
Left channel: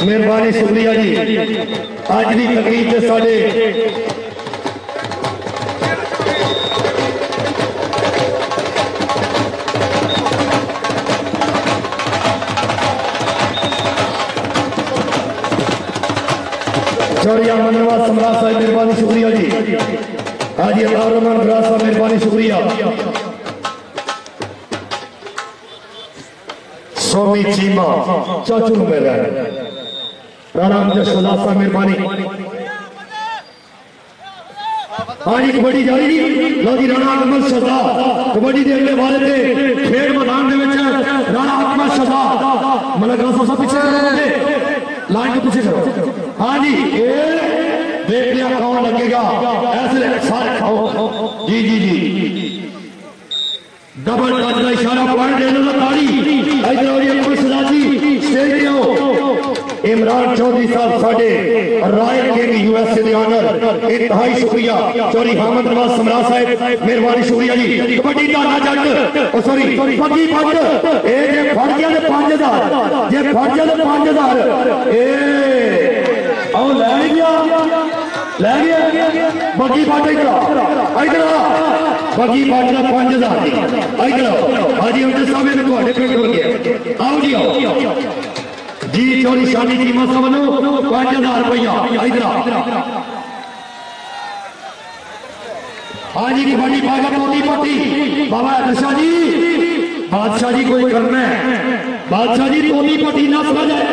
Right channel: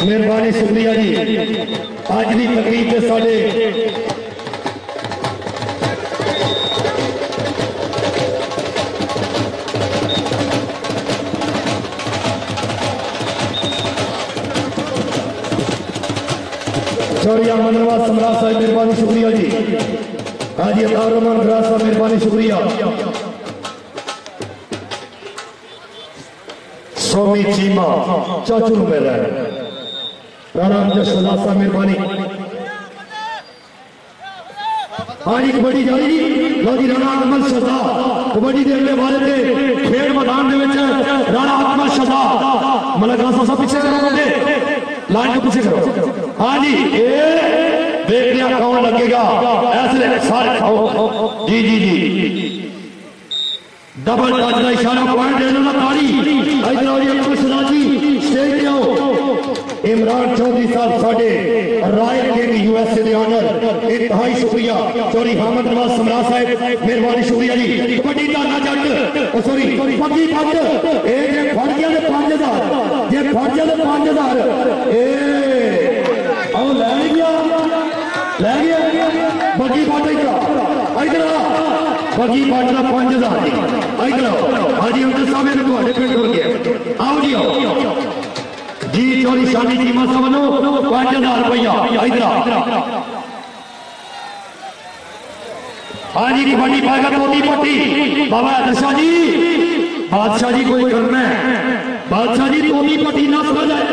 मेहरबानी शुक्रिया जी। आज की तकरीब से साढ़े चौड़िया मनवा सम्राट साहब मेहरबानी शुक्रिया जी। हाजी अताउर गुराया साहब मेहरबानी शुक्रिया। सोमी चीमा चाचू मिल रहा है राणा जशोदा साहब मेहरबानी। हाजी कबड्डी जारी जी लो जी राणा अकमल शहदा कबड्डी के अगले वाले थे खेड मैदान राणा अकमल शहदा मतलब पीछे लाइन को पीछे करो। हाँ जी देख लिया कौन लगेगा ऐसे सारे खाओ जी जी जी डबल टच का इशारा पॉइंट देना ताड़ी इधर स्टेज पे आओ। इमरान चौधरी साहब साढ़े रॉयल किंग यूएसए के ऑनर इंतहाई शुक्रिया। चौधरी हामिद नवाज सम्राट साहब मेहरबानी शुक्रिया जी। कबड्डी का ना जट सॉरी पग्गी पंज ए फड़ गया 5000 जे फड़ गया 5000 ए आओ ले गया बग्गी पंज इधर बग्गी पंज का 5000 इधर हाजी अमजद साहब ने तुम्हारे पिंड हो गया आओ जी आओ जी। चोरी शादी की मत समझो 5000 रुपया इधर हाजी की बड़ी पाएगा टोटी पट्टी बाबा दशा जी बादशाह जी कोई करना है बादशाह जी टोटी पट्टी ना समझ जाए।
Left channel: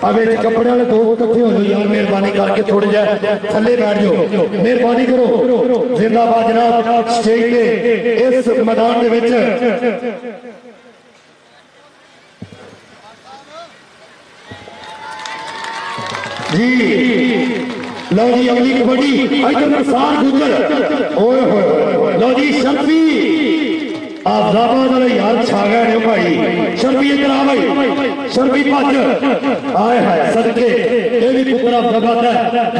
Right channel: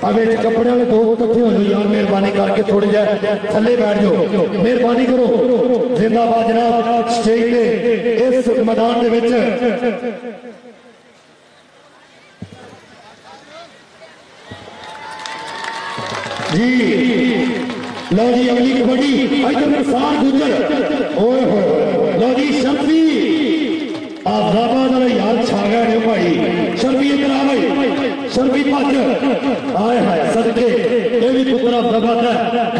अब कपड़े वाले दो इकट्ठे हो जाओ यार मेहरबानी करके थोड़े जाए थले बैठ जाओ मेहरबानी करो। जिंदाबाद जनाब स्टेज के इस मैदान के जी लो जी अगली कबड्डी इधर प्रसाद गुजर ओए होए लो जी शर्फी आफताबाद वाले यार छा गए भाई। शर्फी इधर आ भाई शर्फी भज आए हाय सदके ये भी पुत्र आफताबाद है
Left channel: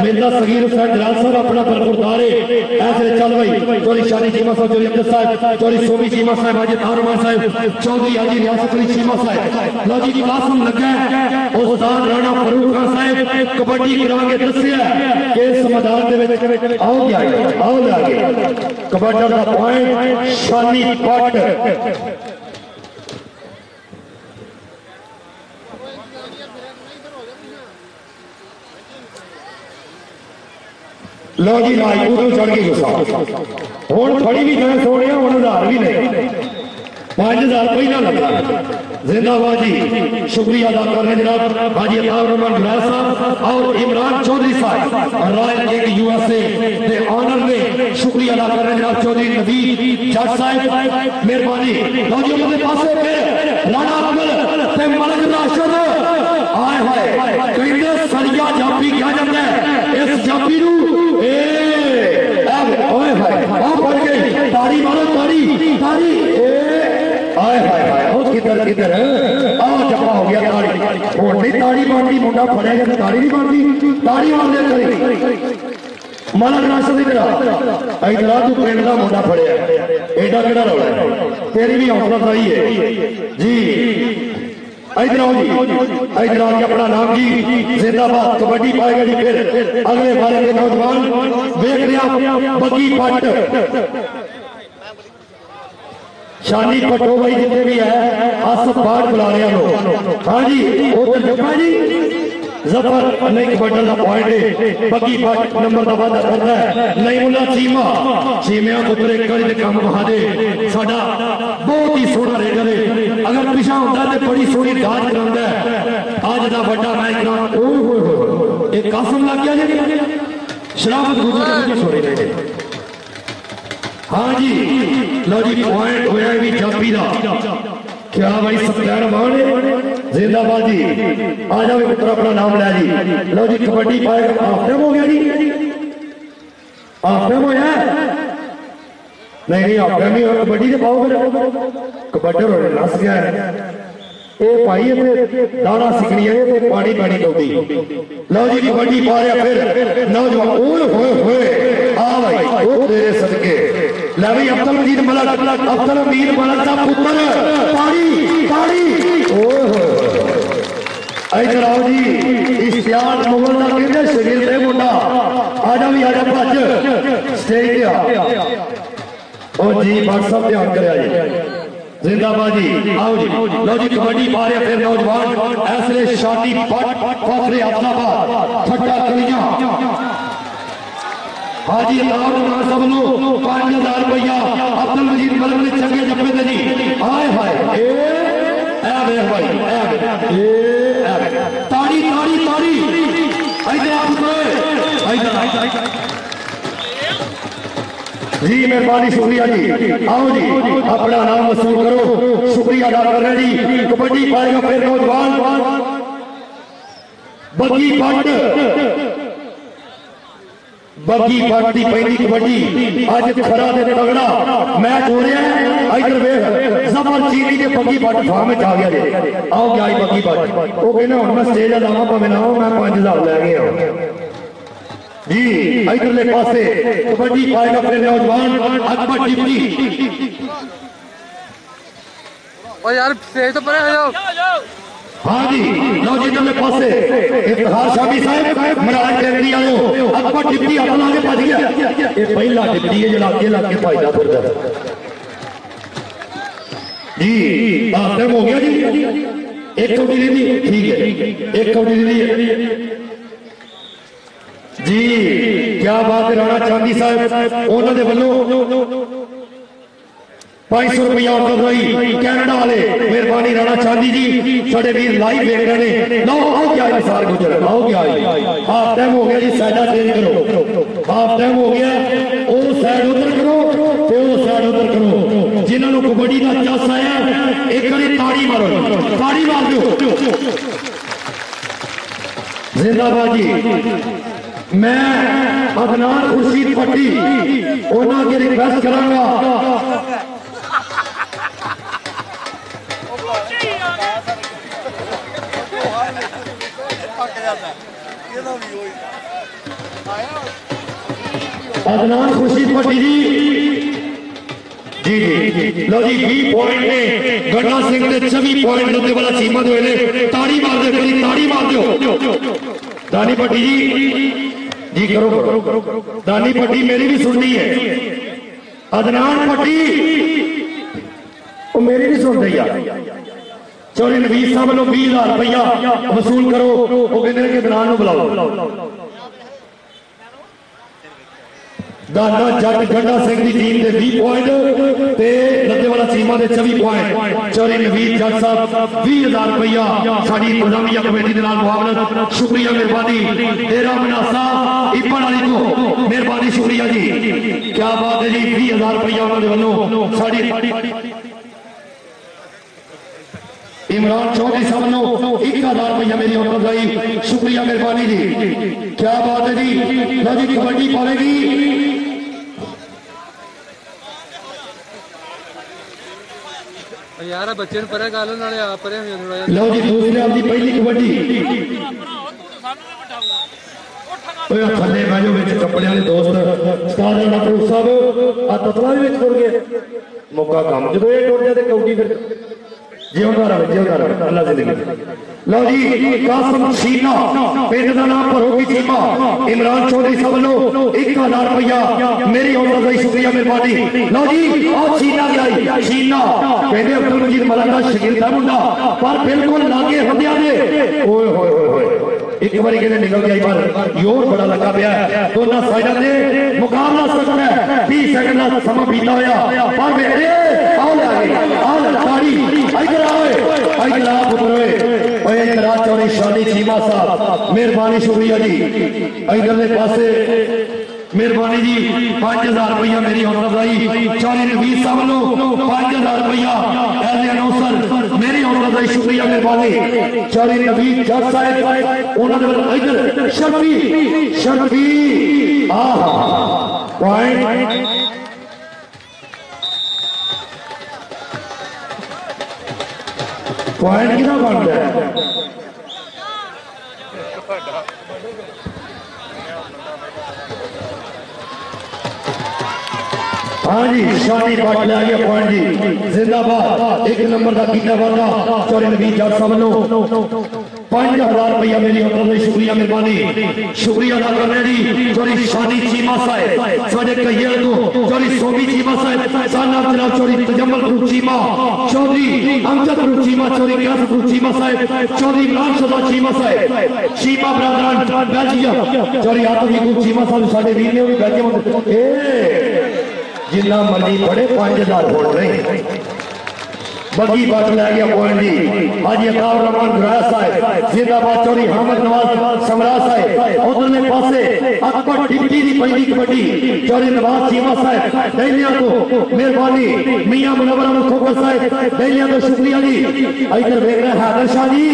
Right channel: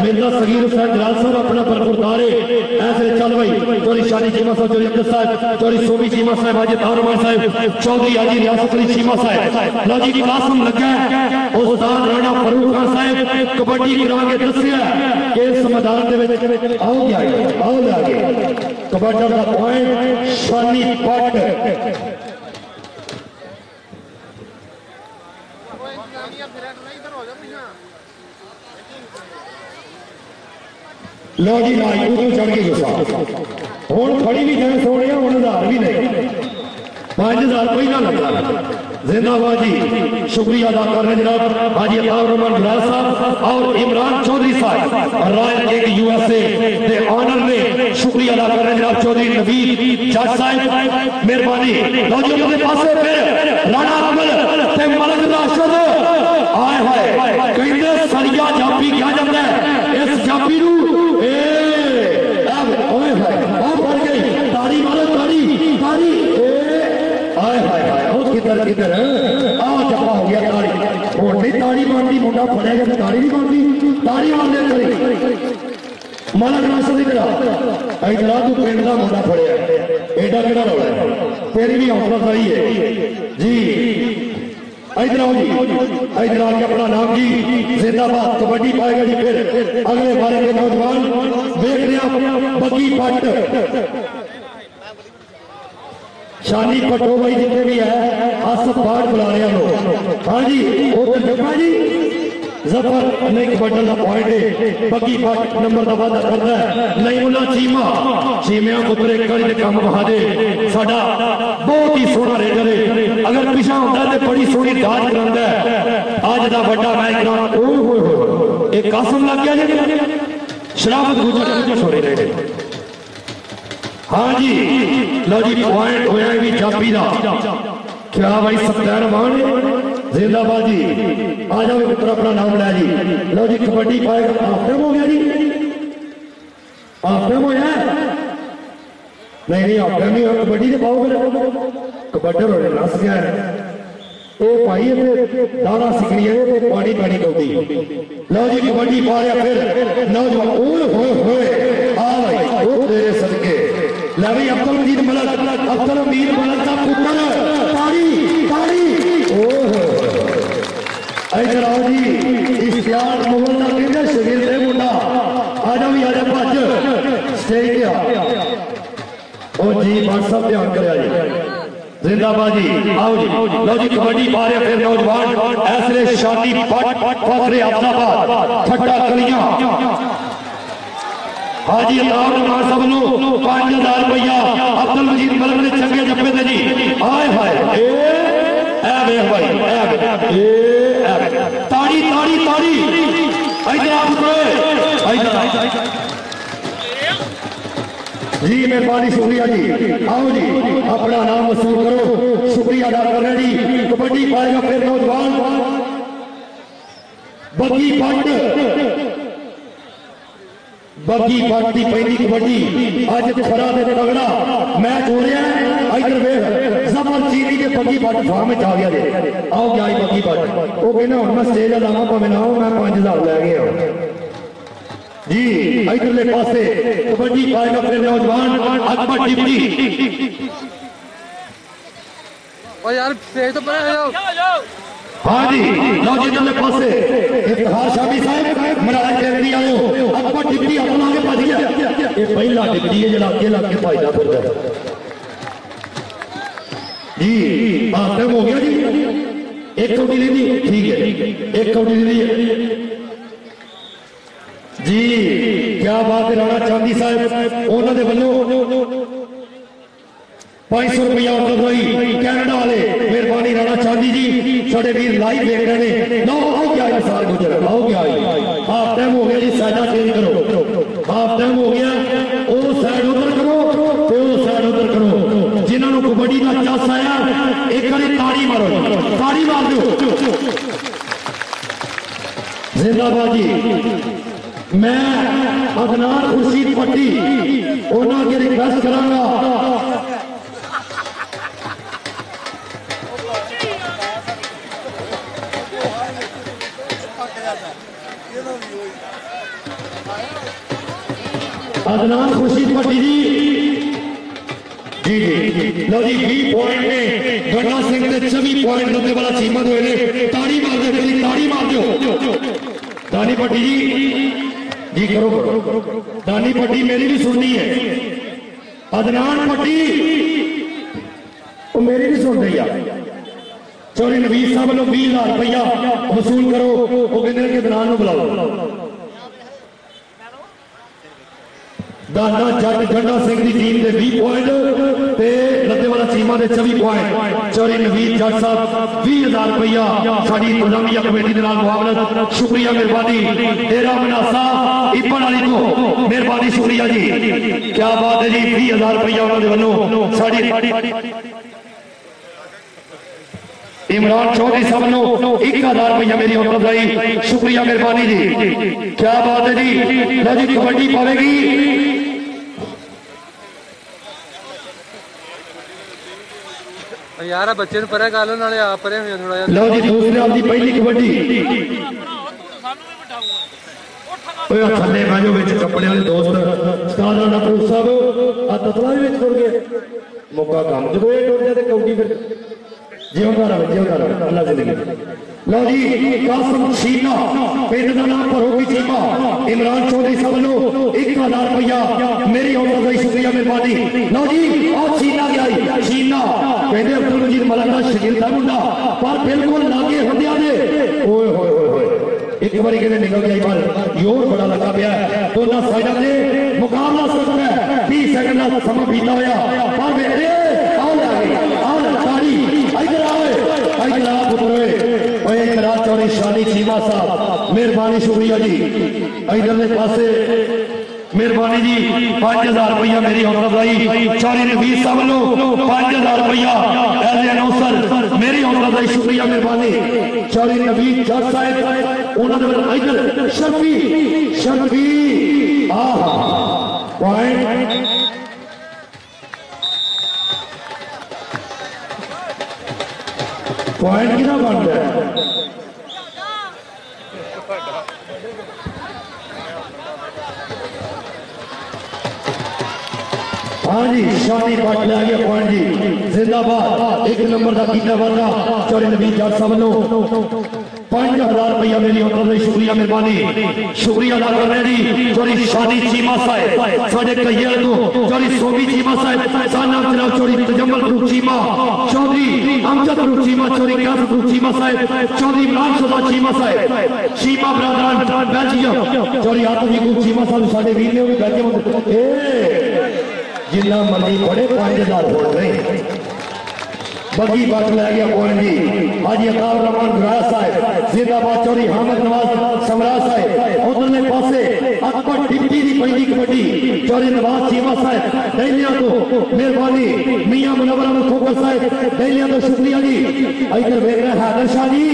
मेरा सगीर हुसैन जलाल साहब अपना बरपुरदार ऐसे चल भाई। चौधरी शादी चीमा साहब चौधरी अमजद साहब चौधरी सोमी चीमा साहब हाजी अताउर साहब चौधरी हाजी रियासत अली चीमा साहब लो जी क्लासम लगा उस्ताद राणा फरूक खान साहब कबड्डी करांगे दसिया कि इस मैदान आओ आगे कबड्डी का पॉइंट शानी पट लो जी नाई उधर चढ़ के गुस्सा हुण फड़ी भी जाए सोने, हुण 1000 भी नहीं, 5000 पहला लगा। जिंदाबाद जी, शुक्रिया अदा कर रहे जनाब हाजी अताउर रहमान बिलाल साहब और इमरान चौधरी साहब रॉयल किंग यूएसए के ऑनर ने शुक्रिया अदा कर रहे जनाब चौधरी नवीद जज साहब, मेहरबानी। लौजियों के पासे फिर राणा अकमल ते मलक राशिद आए हाय कहते सरिया जापी क्या जाता है इस जापी नू ओए हाय आ पड़ गई ताड़ी मारो ताड़ी ताड़ी आए हाय हाय किधर किधर आ जपा हो गया ताड़ी और नहीं ताड़ी बनती मुंडा फड़िया गया ताड़ी नहीं बनती ताड़ी मार दे करी मलक राशिद इधर तू पिंड का मुंडा फड़िया एडा केड़ा रौला है तेरी भी हौसला सही है जी। इधर आओ जी, इधर आके अपना नाम जी जिंदाबाद कबड्डी पाएगा जी। फिर अगले बारे के नौजवान देख रहे आप बगी पट शानी पटो भाई जितने भी है हस पाठ बुला रहे हैं। हाँ जी उधर जफा जी जफर नहीं कबड्डन का पॉइंट है बगी पट नंबर का वादा करता है नहीं मुला चीमा चीमिया पुत्रे कड़ी काम बहा दे साडा बहुत ही सोहना रेडर है अगर पिछा होता तो बड़ी सोहनी दाज करांदा है आज दा बड़ा मैच कराना ओए होए एक कासम लग गया जी शराफत गुजर छोड़े रहे। हाँ जी लो जी पॉइंट होया भी जापी दा क्या भाई सत्यार मान जिंदाबाद जी आ जाओ पुत्र अपना नाम लिया जी। लो जी कबड्डी पाएगा हाफ टाइम हो गया जी हाफ टाइम होया नहीं नहीं हाफ टाइम ही कबड्डी से पाओगे कबड्डी नस गया है ये भाई दाना सिकनी है पानी पानी कौड़ी। लो जी कबड्डी पा रहा फिर नौजवान ओए होए होए आ भाई ओ तेरे सदके ले भाई अब्दुल मजीद मलक का पुत्र ताड़ी ताड़ी इधर आओ जी इश्तियाक मुगल का कहते शरीर से मुंडा आजा भी आजा भज स्टेज पे आ ओ जी बात सब ध्यान करे जिंदाबाद जी आओ जी। लो जी कबड्डी पा रहे फिर नौजवान ऐसले शादी पट फखरे अब्दाबाद ठट्टा कलियां हाजी अताउर रहमान साहब नो 5000 रुपया अब्दुल मजीद मलक ने चंगे जप्पे थे जी हाय हाय ए वेख भाई ए ताड़ी ताड़ी ताड़ी इधर आप इधर जी मेहरबानी शुक्रिया जी। आओ जी अपना नाम वसूल करो शुक्रिया अदा कर रहे जी। कबड्डी पाएगा फिर नौजवान बगी पट की पहली कबड्डी अज खरा दे तगड़ा मैच हो रहा है। इधर वेख जबर चीनी के बगी पट फार्म आ गया जी आओ क्या बगी पट वो कहना हूं मैं स्टेज लावा भावे ना हो मैं 5000 लै गया जी। इधरले पासे कबड्डी पाएगा फिर नौजवान अकबर डिप्टी और यार स्टेज तो पर जाओ। हाँ जी लो जी इधरले पासे इफ्तिखार शामी साहब मराज केंद्री आओ अकबर डिप्टी अपना आगे भज गया ये पहला डिप्टी है जो लाके लाके भाईदा फिरदा जी बात हो गया जी। एक कौड़ी दी ठीक है एक कौड़ी दी जी क्या बात है। राणा चांदी साहब उन्होंने वालों 500 रुपया कर रही कैनेडा वाले मेहरबानी राणा चांदी जी साढ़े वीर लाइव देख रहे हैं। लो आओ क्या सार गुजर आओ क्या हाफ टाइम हो गया जी साइडा चेंज करो हाफ टाइम हो गया वो साइड उधर करो तो वो साइड उधर करो जिन्होंने कबड्डी का चस आया एक बारी ताड़ी मार दो जिंदाबाद जी। मैं अदनान खुर्शीद पट्टी उन्होंने रिक्वेस्ट करांगा अदनान खुर्शीद पट्टी जी जी लो जी 20 पॉइंट ने गन्ना सिंह ने 24 पॉइंट रखने वाला सीमा दो ताड़ी मार दो करी ताड़ी मार दो दानी पट्टी जी करो दानी पट्टी मेरी भी सुननी है अदनान पट्टी वो मेरी भी सुन रही है चौधरी नवीद साहब वालों 20,000 रुपया वसूल करो वो कहते हैं कि अदनान को बुलाओ दाना जट गंडा सिंह की टीम के 20 पॉइंट ते लद्देवाला चीमा के 24 पॉइंट। चौरी नवीद जट साहब 20,000 रुपया साडी इंतजामिया कमेटी के नाल मुआवनत। शुक्रिया मेहरबानी तेरा मनासा इपन वाली को मेहरबानी शुक्रिया जी, क्या बात है जी। 20,000 रुपया उन्होंने वालों साडी इमरान चौधरी साहब नो 1,000 रुपया मेरी हौसला अफजाई, शुक्रिया मेहरबानी जी, क्या बात है जी। लो जी कबड्डी पावेगी यार बच्चे परे गालो नाले आप परे हुए थोड़ा यार। लो जी दूसरे आपकी पहली कबड्डी थले बैजो बिच कपड़े वाले दोस्त उस्ताद नटू साहब आ ततला भी बिच टुर गए मौका कम जो ये टुर जाए तो कौडी फिर जियोदार अल्लाह जिंदगी। लो जी कासिम सीना पिंड का नाम भरो की चीमा इमरान चौधरी साहब नो 1,000 रुपया मेरी हौसला शुक्रिया मेहरबानी। लो जी और सीना गया सीना कहते अब्दुल मजीद मलक का शकील था मुंडा पर बिल्कुल लागे होंदिया ने ओए होए होए एक बारी कहते निकल गया पर जोर बड़ा लगा पाया दोनों साइडों से मुकाबला सख्त है। 30 सेकंड का समा बीता होया पर बेटे आओ लागे आओ ताड़ी इधर आओ इधर आ पुत्र ओए इधर चौरी शानी चीमा साहब मेहरबानी शुक्रिया जी। इधरले पासे मेहरबानी जी 5,000 रुपया मेरी हौसला अफजाई। चौरी नवीद साहब नो 5,000 रुपया एज ए अनाउंसर मेरी हौसला अफजाई, शुक्रिया मेहरबानी। चौरी नवीद जज साहब उन्होंने इधर शर्फी शर्फी पॉइंट पॉइंट कितना बनता है। हाँ जी शानी पट ले गया पॉइंट जी जिंदाबाद। 1 नंबर का कीता वाला चौरी नवीद जट साहब नो 5,000 रुपया मेरी हौसला शुक्रिया मेहरबानी, शुक्रिया अदा कर रहे जी। चौरी शानी चीमा साहब साढ़े कहिए तो चौरी सोमी चीमा साहब साना जनाब चौरी तजम्मल ग्रुप चीमा चौधरी अमजद ग्रुप चीमा चौरी कास ग्रुप चीमा साहब चौधरी इमरान सदा चीमा साहब चीमा बरादरान बेल्जियम चौरी आतमी ग्रुप चीमा साहब साढ़े वीर ने भी बेल्जियम जिन्ना मर्जी पड़े 5,000 वोट नहीं बगी बात लै गया पॉइंट जी। हाजी अताउर रहमान गुराया साहब जिंदाबाद। चौरी हामद नवाज समरा साहब उधरले पासे अकबर डिप्टी की पहली कबड्डी चौरी नवाज चीमा साहब दैलिया तो मेहरबानी मियां मुनव्वर खोकर साहब दैलिया तो शुक्रिया जी। इधर देख रहे हैदर शाह जी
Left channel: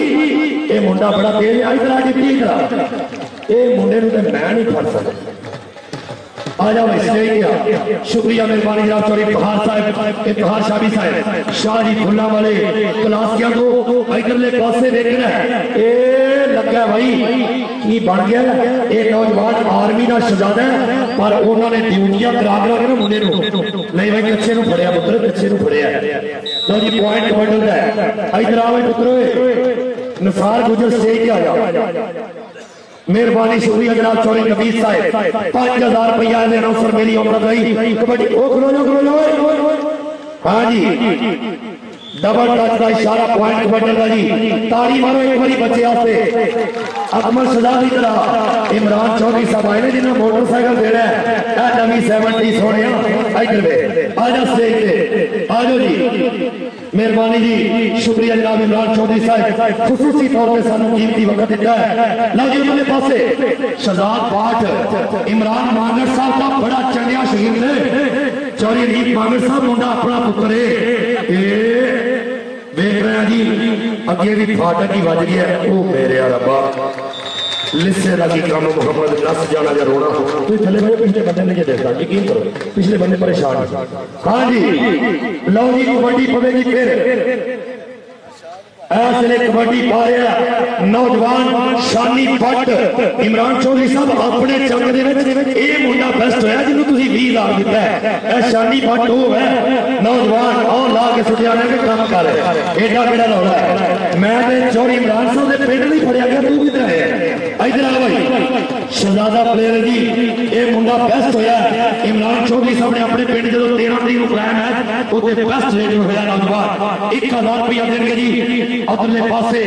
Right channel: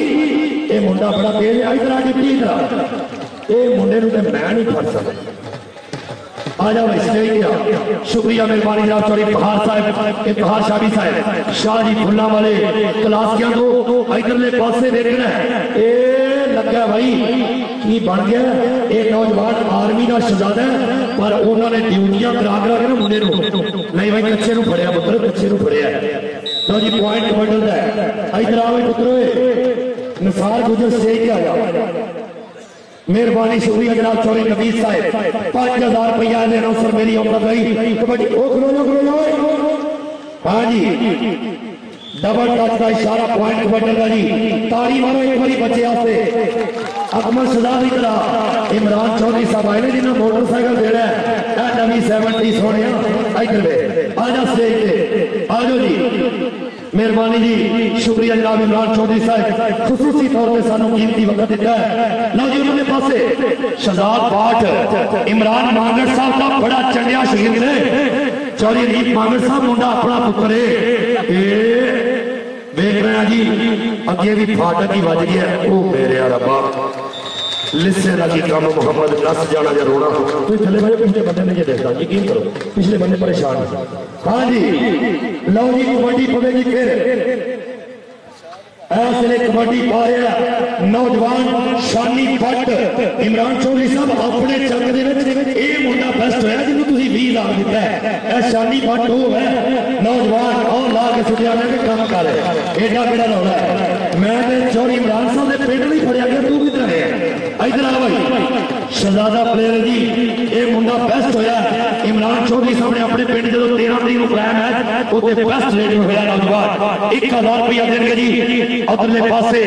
ये मुंडा बड़ा तेज है। इधर आ डिप्टी इधर ये मुंडे नु ते मैं नहीं फड़ सकता आ जाओ इसलिए शुक्रिया मेहरबानी जनाब चौरी पहाड़ साहब इतहार शादी साहब शाह जी फुल्ला वाले क्लासिया को इधरले पासे देखना ये लगा भाई की बन गया ये नौजवान आर्मी का शहजादा है पर उन्होंने ड्यूटियां करा के मुंडे नहीं भाई कच्चे फड़िया पुत्र कच्चे फड़िया। लो जी पॉइंट बदलता है इधर आओ पुत्र निसार गुजर स्टेज पे आ जाओ मेहरबानी शुक्रिया जनाब चौरी नवीद साहब 5,000 रुपया अनाउंसर मेरी उम्र गई कबड्डी ओ खलो हाँ जी डबल टच का इशारा पॉइंट बदलगा जी। ताड़ी मारो एक बारी बच्चे आते अकमल सदा की तरह इमरान चौधरी साहब आए जिन्होंने मोटरसाइकिल देना है नवी 70 सोने इधर आजा स्टेज पे आ जाओ जी मेहरबानी जी शुक्रिया जनाब इमरान चौधरी साहब खुसूसी तौर पर सानू कीमती वक्त दिता है। लो जी उन्होंने पासे शहजाद पाठ इमरान मांगड़ साहब का बड़ा चंडिया शहीद ने चौरी रीत मांगड़ साहब मुंडा अपना पुत्र है देख रहे हैं जी अगे भी फाटक ही बज गया वो मेरे रब्बा लिस्से का की काम मोहम्मद नस जाना या रोना तो चले भाई पिछले बंदे ने ये देखा यकीन करो पिछले बंदे परेशान। हाँ जी लो जी कबड्डी पवेगी फिर ऐसे कबड्डी पा रहा नौजवान शानी भट्ट इमरान चौधरी साहब अपने जंग के मुंडा बेस्ट होया जिन्होंने तुम 20,000 दिता है शानी भट्ट वो है नौजवान और ला के सुटिया के काम कर एडा केड़ा रौला है। मैं चौधरी इमरान साहब के पिंड नहीं फड़िया गया तू किधर है इधर आ भाई शहजादा प्लेयर जी ये मुंडा बेस्ट होया इमरान चौधरी साहब ने अपने पिंड जो 13 तरीक को बुलाया मैच ਉਹਦੇ ਬੈਸਟ ਰੇਟ ਹੋਇਆ ਨੌਜਵਾਨ 1000 रुपया देंगे जी। अगले पासे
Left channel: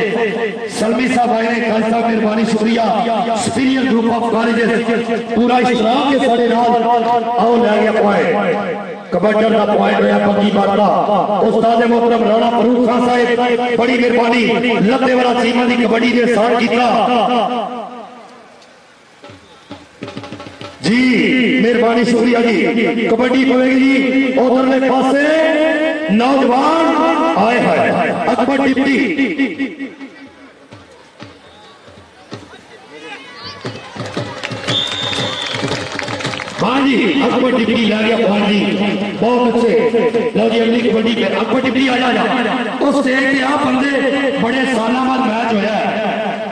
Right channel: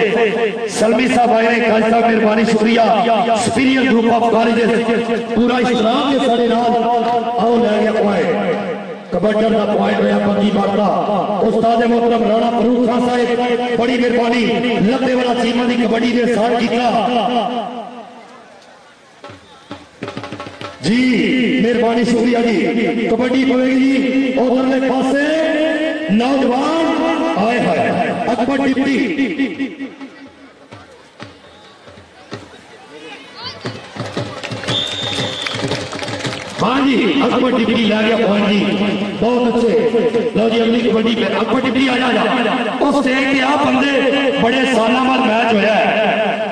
सलमी साहब आए ने काजी साहब मेहरबानी शुक्रिया सुपीरियर ग्रुप ऑफ कॉलेजेस पूरा इस्लाम के साढ़े नाल आओ लै गया पॉइंट कबड्डर का पॉइंट होया पक्की बात का उस्ताद मोहतरम राणा फरूक खान साहब बड़ी मेहरबानी लद्दे वाला चीमा की कबड्डी के साथ किया जी मेहरबानी शुक्रिया जी। कबड्डी पवेगी जी उधरले पासे नौजवान आए हैं अकबर डिप्टी हाँ जी अकबर डिप्टी ला गया पॉइंट जी बहुत अच्छे। लो जी अगली कबड्डी पे अकबर डिप्टी आ जा उस स्टेज पे आ बंदे बड़े सालों बाद मैच होया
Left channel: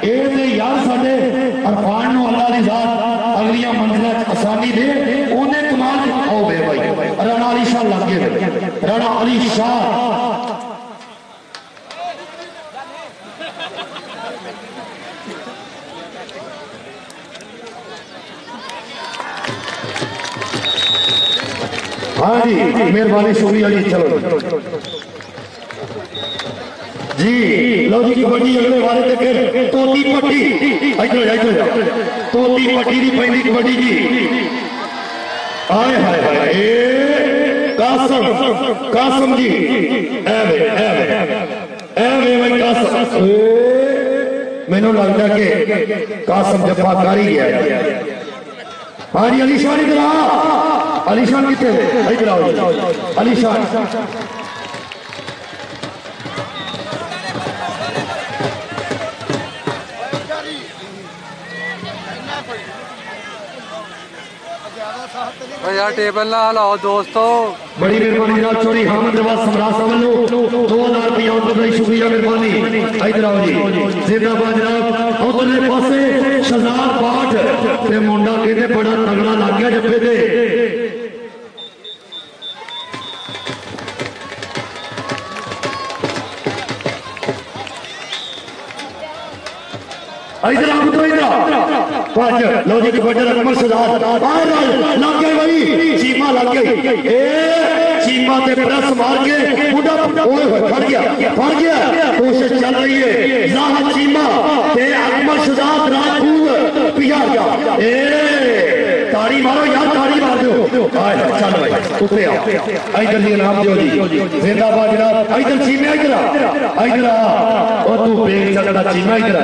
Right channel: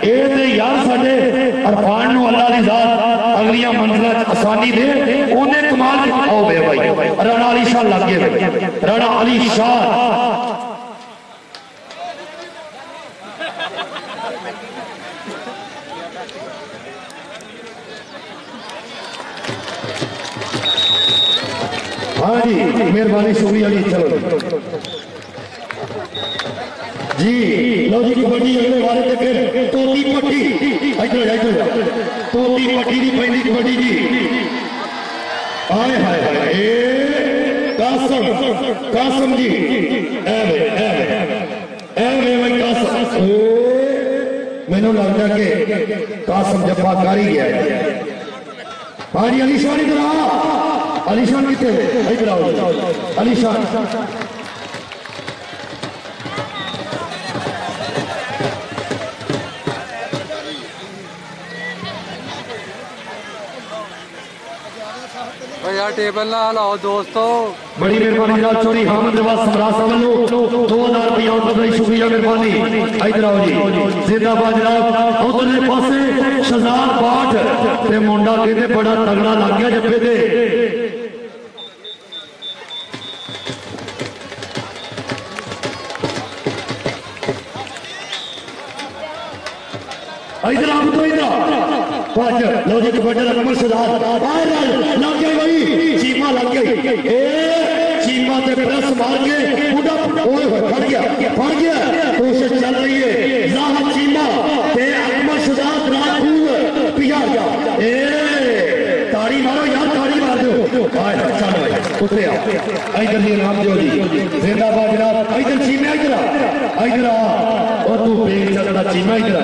ये ते यार साडे अरफान नु अल्लाह दी जात अगलियां मंजिलां आसानी दे ओने कमाल आओ बे भाई राणा अली शाह लग गए राणा अली शाह हाँ जी मेहरबानी शुक्रिया जी। चलो जी लो जी कबड्डी अगले वाले ते फिर तोती पट्टी इधर तोती पट्टी की पहली कबड्डी जी आए हाय हाय कासम कासम जी एवे भाई कासम मैनू लगता कि कासम जफा कर ही गया। हाँ जी अलीशान इधर आ अलीशान कितने इधर आओ अलीशान यार टेबल ना लाओ दोस्तों। बड़ी मेहरबानी जनाब चौधरी हामिद नवाज समरा साहब नो 2000 रुपया उनका शुक्रिया मेहरबानी। इधर आओ जी जिंदाबाद जनाब उधरले पासे शहजाद पाठ ते मुंडा कहते बड़ा तगड़ा लग गया जप्पे ते इधर आप तो इधर लो जी कबड्डी अकबर शहजाद लग गए भाई चीमा लग गई चीमा से प्रेस मार के बुढ़ा फट गया कोशिश चल रही है जाहर चीमा ते अकबर शहजाद राजपूत पिया गया ताड़ी मारो यार ताड़ी मार दो चल भाई उतरे आओ इधर जी नाम दो जी जिंदाबाद जनाब इधर चीमा इधर और तू बेग चलता चीमा इधर आ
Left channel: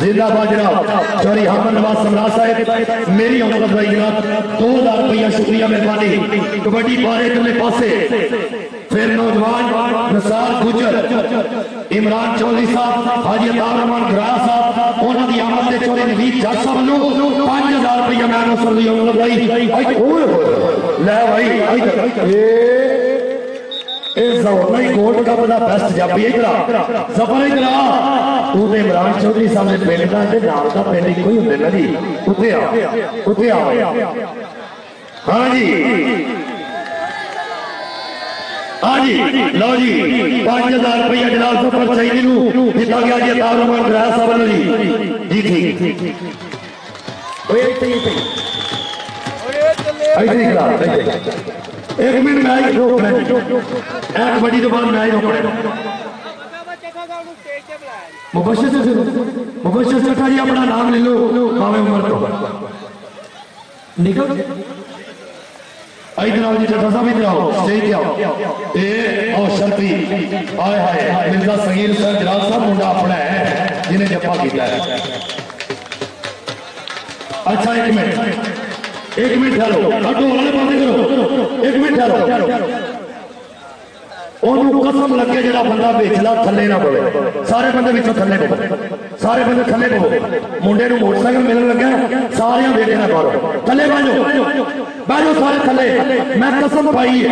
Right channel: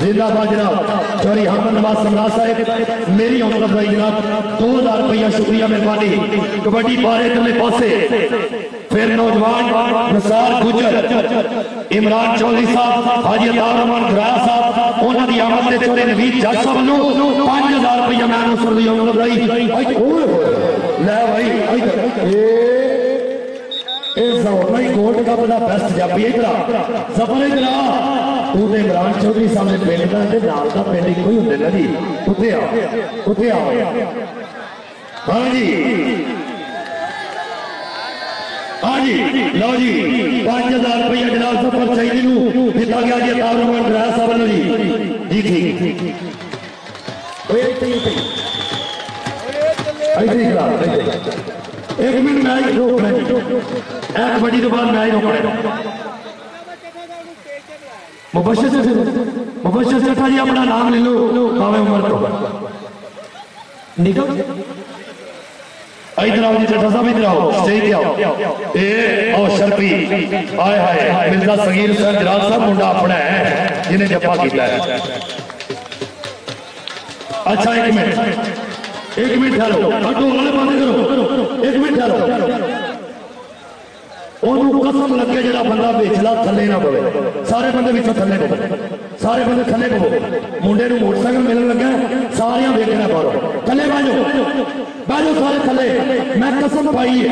जिंदाबाद जनाब चौधरी हामिद नवाज समरा साहब मेरी औरत भाई जनाब 2000 रुपया शुक्रिया मेहरबानी। कबड्डी पारे इधरले पासे फिर नौजवान निसार गुजर इमरान चौधरी साहब हाजी अतार रहमान घरा साहब उन्होंने की आमद से चौधरी नवीद जज साहब वालों 5000 रुपया मैं नसर दी औरत भाई ले भाई गोल्ड कप का बेस्ट जापी इधर सफर इधर तू तो इमरान चौधरी साहब ने पिंड का नाम का पिंड एक ही होंगे ना जी उत्थे आओ हाँ जी लो जी 5000 रुपया जनाब सुपर सईदी दिता गया जी अतार रहमान घरा साहब जी ठीक एक मिनट मैच रोकना कबड्डी तो बाद मैच रोकना मुबशर चट्टा जी अपना नाम ले लो भावे उम्र तो निकल इधर आओ जी चट्टा साहब इधर आओ स्टेज पे आओ आओ शर्फी आए हाय मिर्जा सगीर सर जलाल साहब मुंडा अपना है जिन्हें जप्पा किया है। अच्छा एक मिनट ठहरो हटो वाले पासे करो एक मिनट ठहरो ओनू कसम लगे जरा बंदा बेचला थले ना पवे सारे बंदे विचों थले पवे सारे बंदे थले पवे मुंडे नू मोटरसाइकिल मिलने लगा सारे देखना पारो थले बाजो सारे थले मैं कसम पाई है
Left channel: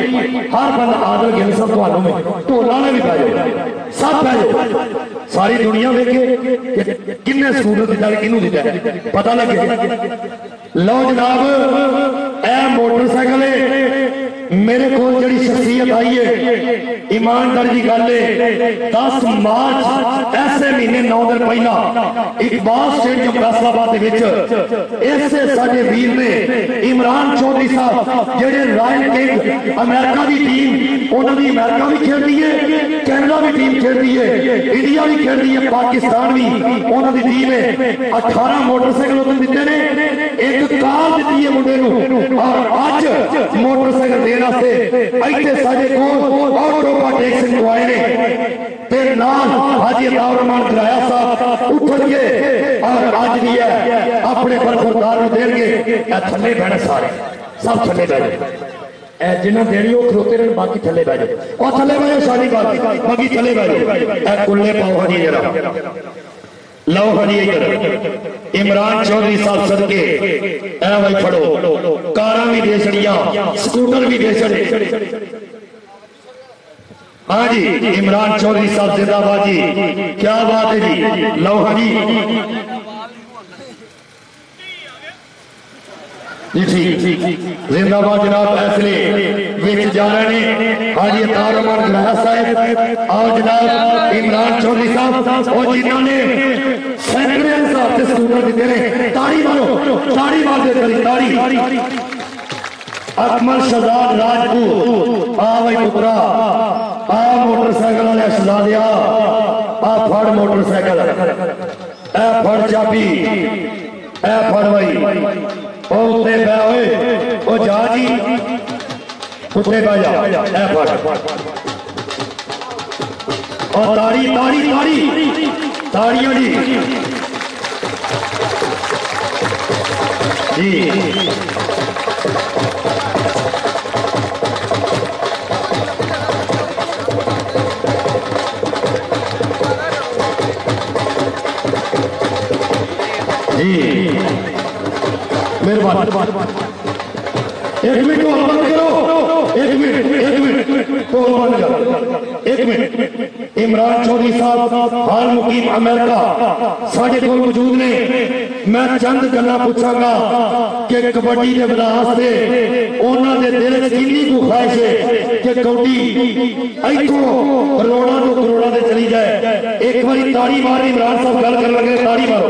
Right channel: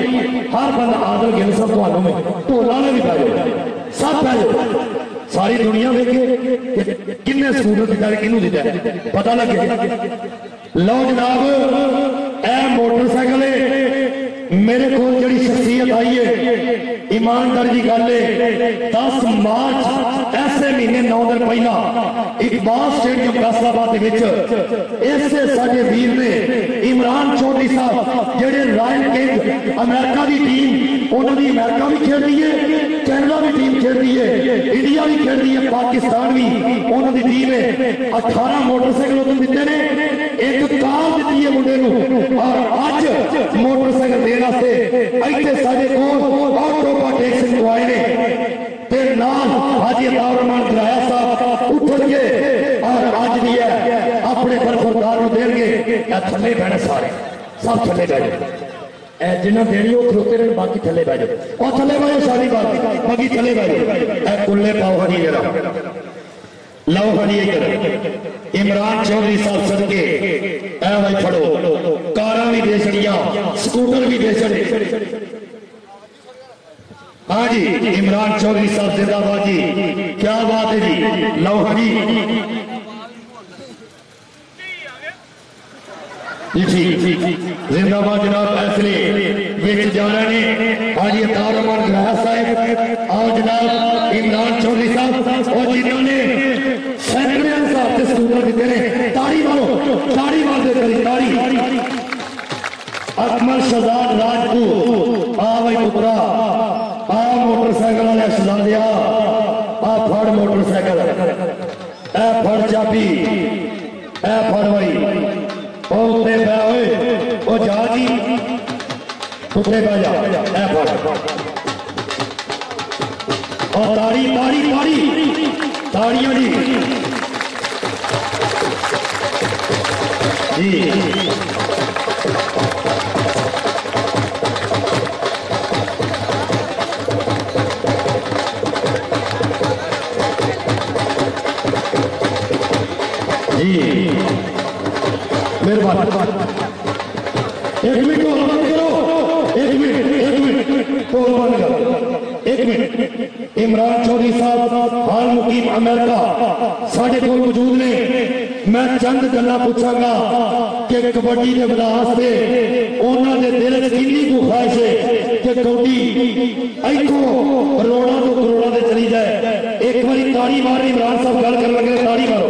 हर बंदा आदल गिन सब तुहानू में ढोला ने भी पाजो सब पाजो सारी दुनिया देखे किन्ने सूरत दिता किनू दिता पता लगे। लो जनाब ए मोटरसाइकिल मेरे को जी शख्सियत आई है ईमानदारी की गल है 10 मार्च ऐसे महीने 9 दिन पहला इकबाल स्टेडियम फैसलाबाद ऐसे साडे वीर ने इमरान चौधरी साहब जेडे रॉयल किंग अमेरिका की टीम उन्होंने अमेरिका भी खेलती है कैनेडा भी टीम खेलती है इंडिया भी खेलती है पाकिस्तान भी उन्होंने टीम है 18 मोटरसाइकिल उन्होंने दिते ने एक कार दी है मुंडे और अज मोटरसाइकिल देने से इतने साडे कोल ऑटोपा टैक्स आए ने ते नाल हाजी अताउर रहमान कराया साहब उठणगे और अज भी है अपने बरखुरदार देंगे थले बहने सारे सब थले बह जिन्हें देनी वो खलोते रहे बाकी थले बह जाओ और थले बह जाओ सारी बात बाकी थले बह जाओ कुल्ले पाओ हाजी जरा लो हाजी इधर इमरान चौधरी साहब सदके ऐ भाई फड़ो कारा भी दे छड़िया स्कूटर भी दे छड़े हाँ जी इमरान चौधरी साहब जिंदाबाद जी क्या बात है जी लो हाजी जिंदाबाद जनाब फैसले विच जा रहे हैं हाजी अताउर रहमान गराया साहब और जनाब इमरान चौधरी साहब और जिन्होंने सैकड़े साहब के स्कूटर दिते ने ताड़ी मारो ताड़ी मार दे ताड़ी अकमल शहजाद राजपूत आ भाई पुत्रा आ मोटरसाइकिल वाले शहजादिया आ फड़ मोटरसाइकिल ए फड़ चाबी ए फड़ भाई उत्ते बह ओ जा जी उत्ते बह जा ए फड़ और ताड़ी ताड़ी ताड़ी ताड़ियां जी मेहरबानी एक मिनट को बंद करो एक मिनट को बंद करो एक मिनट इमरान चौधरी साहब हाल मुकीम अमेरिका साढ़े को मौजूद ने मैं चंद गल्लां पूछांगा कि कबड्डी के वास्ते उन्होंने दिल कितनी को ख्वाहिश है कि कबड्डी इथों करोड़ों तो करोड़ों से चली जाए एक बार ताड़ी मार इमरान साहब गल कर लगे ताड़ी मारो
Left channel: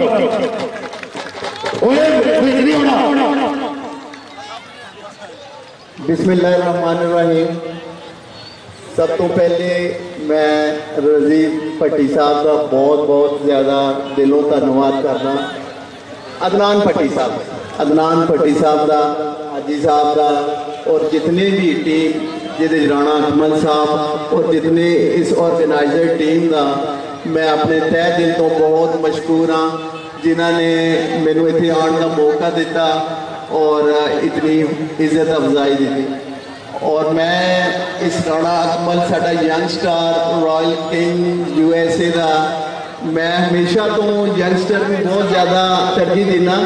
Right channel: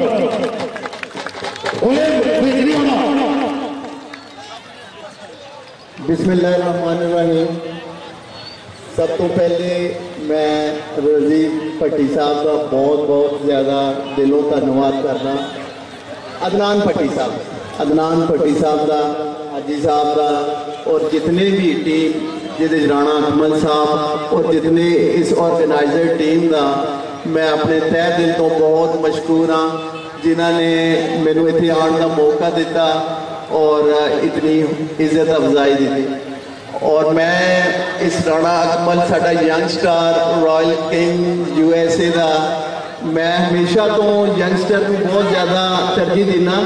बिस्मिल्लाहिर्रहमानिर्रहीम सब तो पहले मैं रजीब भट्टी साहब का बहुत बहुत ज़्यादा दिलों धन्यवाद करना अदनान भट्टी साहब का हाजी साहब का और जितने भी टीम जिहदे राणा अकमल साहब और जितने इस ऑर्गेनाइजर टीम का मैं अपने तह दिल तो बहुत मशकूर हाँ जिन्होंने मैनू इत्थे आने का मौका दिता और इतनी इज्जत अफजाई दी और मैं इस राणा अकमल साडा young star royal king USA का मैं हमेशा तो यंगस्टर को बहुत ज़्यादा तरजीह देना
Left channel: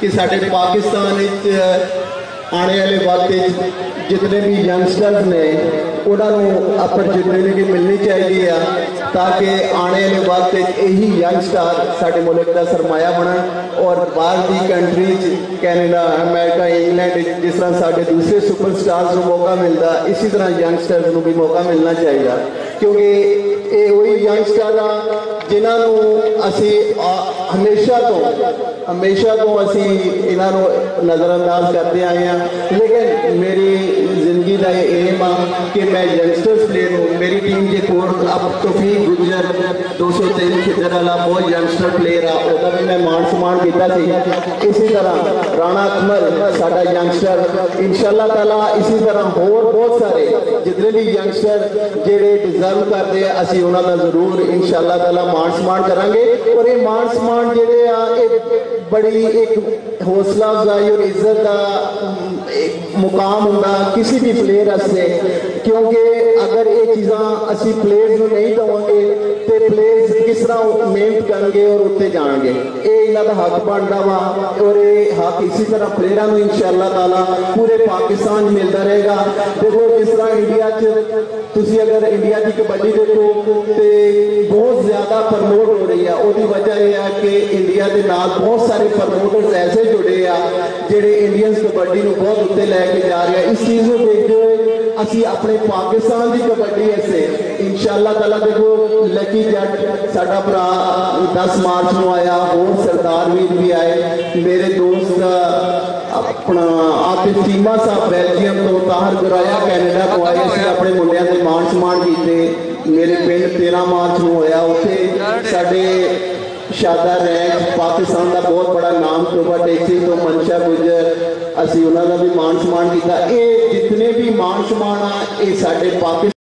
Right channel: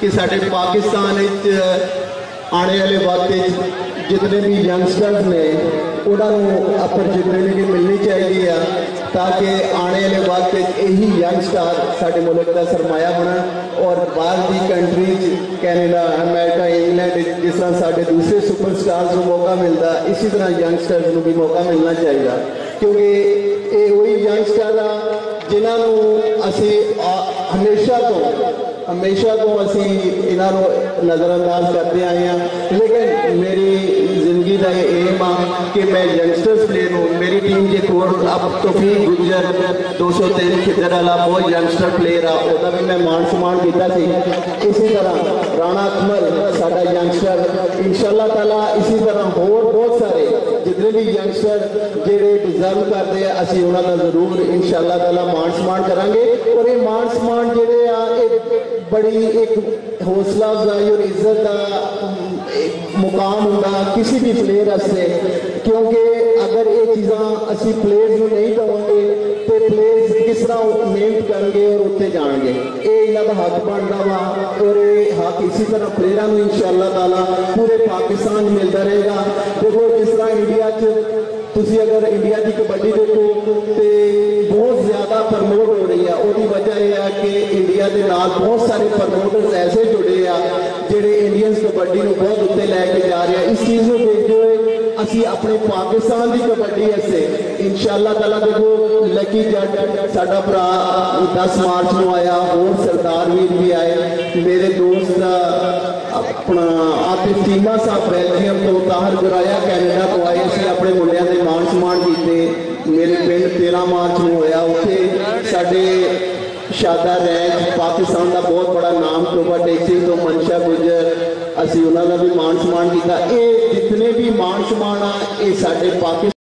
कि साडे पाकिस्तान आने वाले वक्त जितने भी यंगस्टर्स ने उन्होंने अपॉर्चुनिटी मिलनी चाहिए ताकि आने वाले वक्त यही यंगस्टर साडे मुल्क का सरमाया बनन और बाहर की कंट्री कैनेडा अमेरिका इंग्लैंड जिस तरह साडे दूसरे सुपरस्टार्स को मौका मिलता इसी तरह यंगस्टर्स को भी मौका मिलना चाहिए क्योंकि ये वही यंगस्टर जिन्होंने असी हमेशा तो असी इन्हों नज़रअंदाज करते आए हैं लेकिन मेरी जिंदगी का एम आ कि मैं यंगस्टर्स प्लेयर हूँ मेरी टीम के कोल अब तौफीक गुजर 203 खिदर वाला बहुत यंगस्टर प्लेयर आ उसका भी मैं मान सम्मान किया इसी तरह राणा अकमल साडा यंगस्टर इंशाअल्लाह ताला इसी तरह होर बहुत सारे जितने भी यंगस्टर जेडे डिजर्व करते हैं असी उन्होंने जरूर इंशाअल्लाह ताला मान सम्मान करांगे और ये मान सम्मान जेडे आ बड़ी एक हौसला अफजाई और इज्जत का मुकाम होगा किसी भी प्लेयर वास्ते क्योंकि अगर ये चीज़ा असी प्लेयर्स को नहीं देवांगे तो प्लेयर्स किस तरह मेहनत करेंगे और उत्ते जाएंगे ये इन्हों का हक बनता वा और ये हक इसी तरह प्लेयरों को इंशाअल्लाह ताला पूरे पाकिस्तान मिलता रहेगा देखो जिस तरह इंडिया तुसी अगर इंडिया की कबड्डी देखो तो बहुत ज़्यादा प्रमोट हो रही है उसकी वजह यह है कि इंडिया के नाल बहुत सारे प्रमोटर्स ऐसे जुड़े आ जेडे इंडियंस कबड्डी को बहुत उत्ते लैके जा रहे हैं इस चीज़ को देखते हुए ਅਸੀਂ ਆਪਣੇ ਪਾਕਿस्तान की कबड्डी ऐसे इंशाअल्लाह ताला देखो लकी जट साडा भरा 10 मार्च ਨੂੰ आया होर सरदार वीर भी आए मेरे दोस्त अपना आतिफ चीमा साहब बेल्जियम तो ताहर गुराया कैनेडा तो आए ਅਸੀਂ ਆਪਣੇ ਮੁੰਡਿਆਂ ਦੇ ਮਾਣ ਸਨਮਾਨ ਕੀਤੇ मेरे पिंड 13 मार्च ਨੂੰ ਹੋਇਆ ਉੱਥੇ ਸਾਡੇ शादा रैंक पाकिस्तान का बहुत बड़ा नाम शोभा टेक्सी तो मनशा गुजर असी उन्होंने भी मान सम्मान किया। ये जितने भी मान सम्मान आ ये साडे पाकिस्तान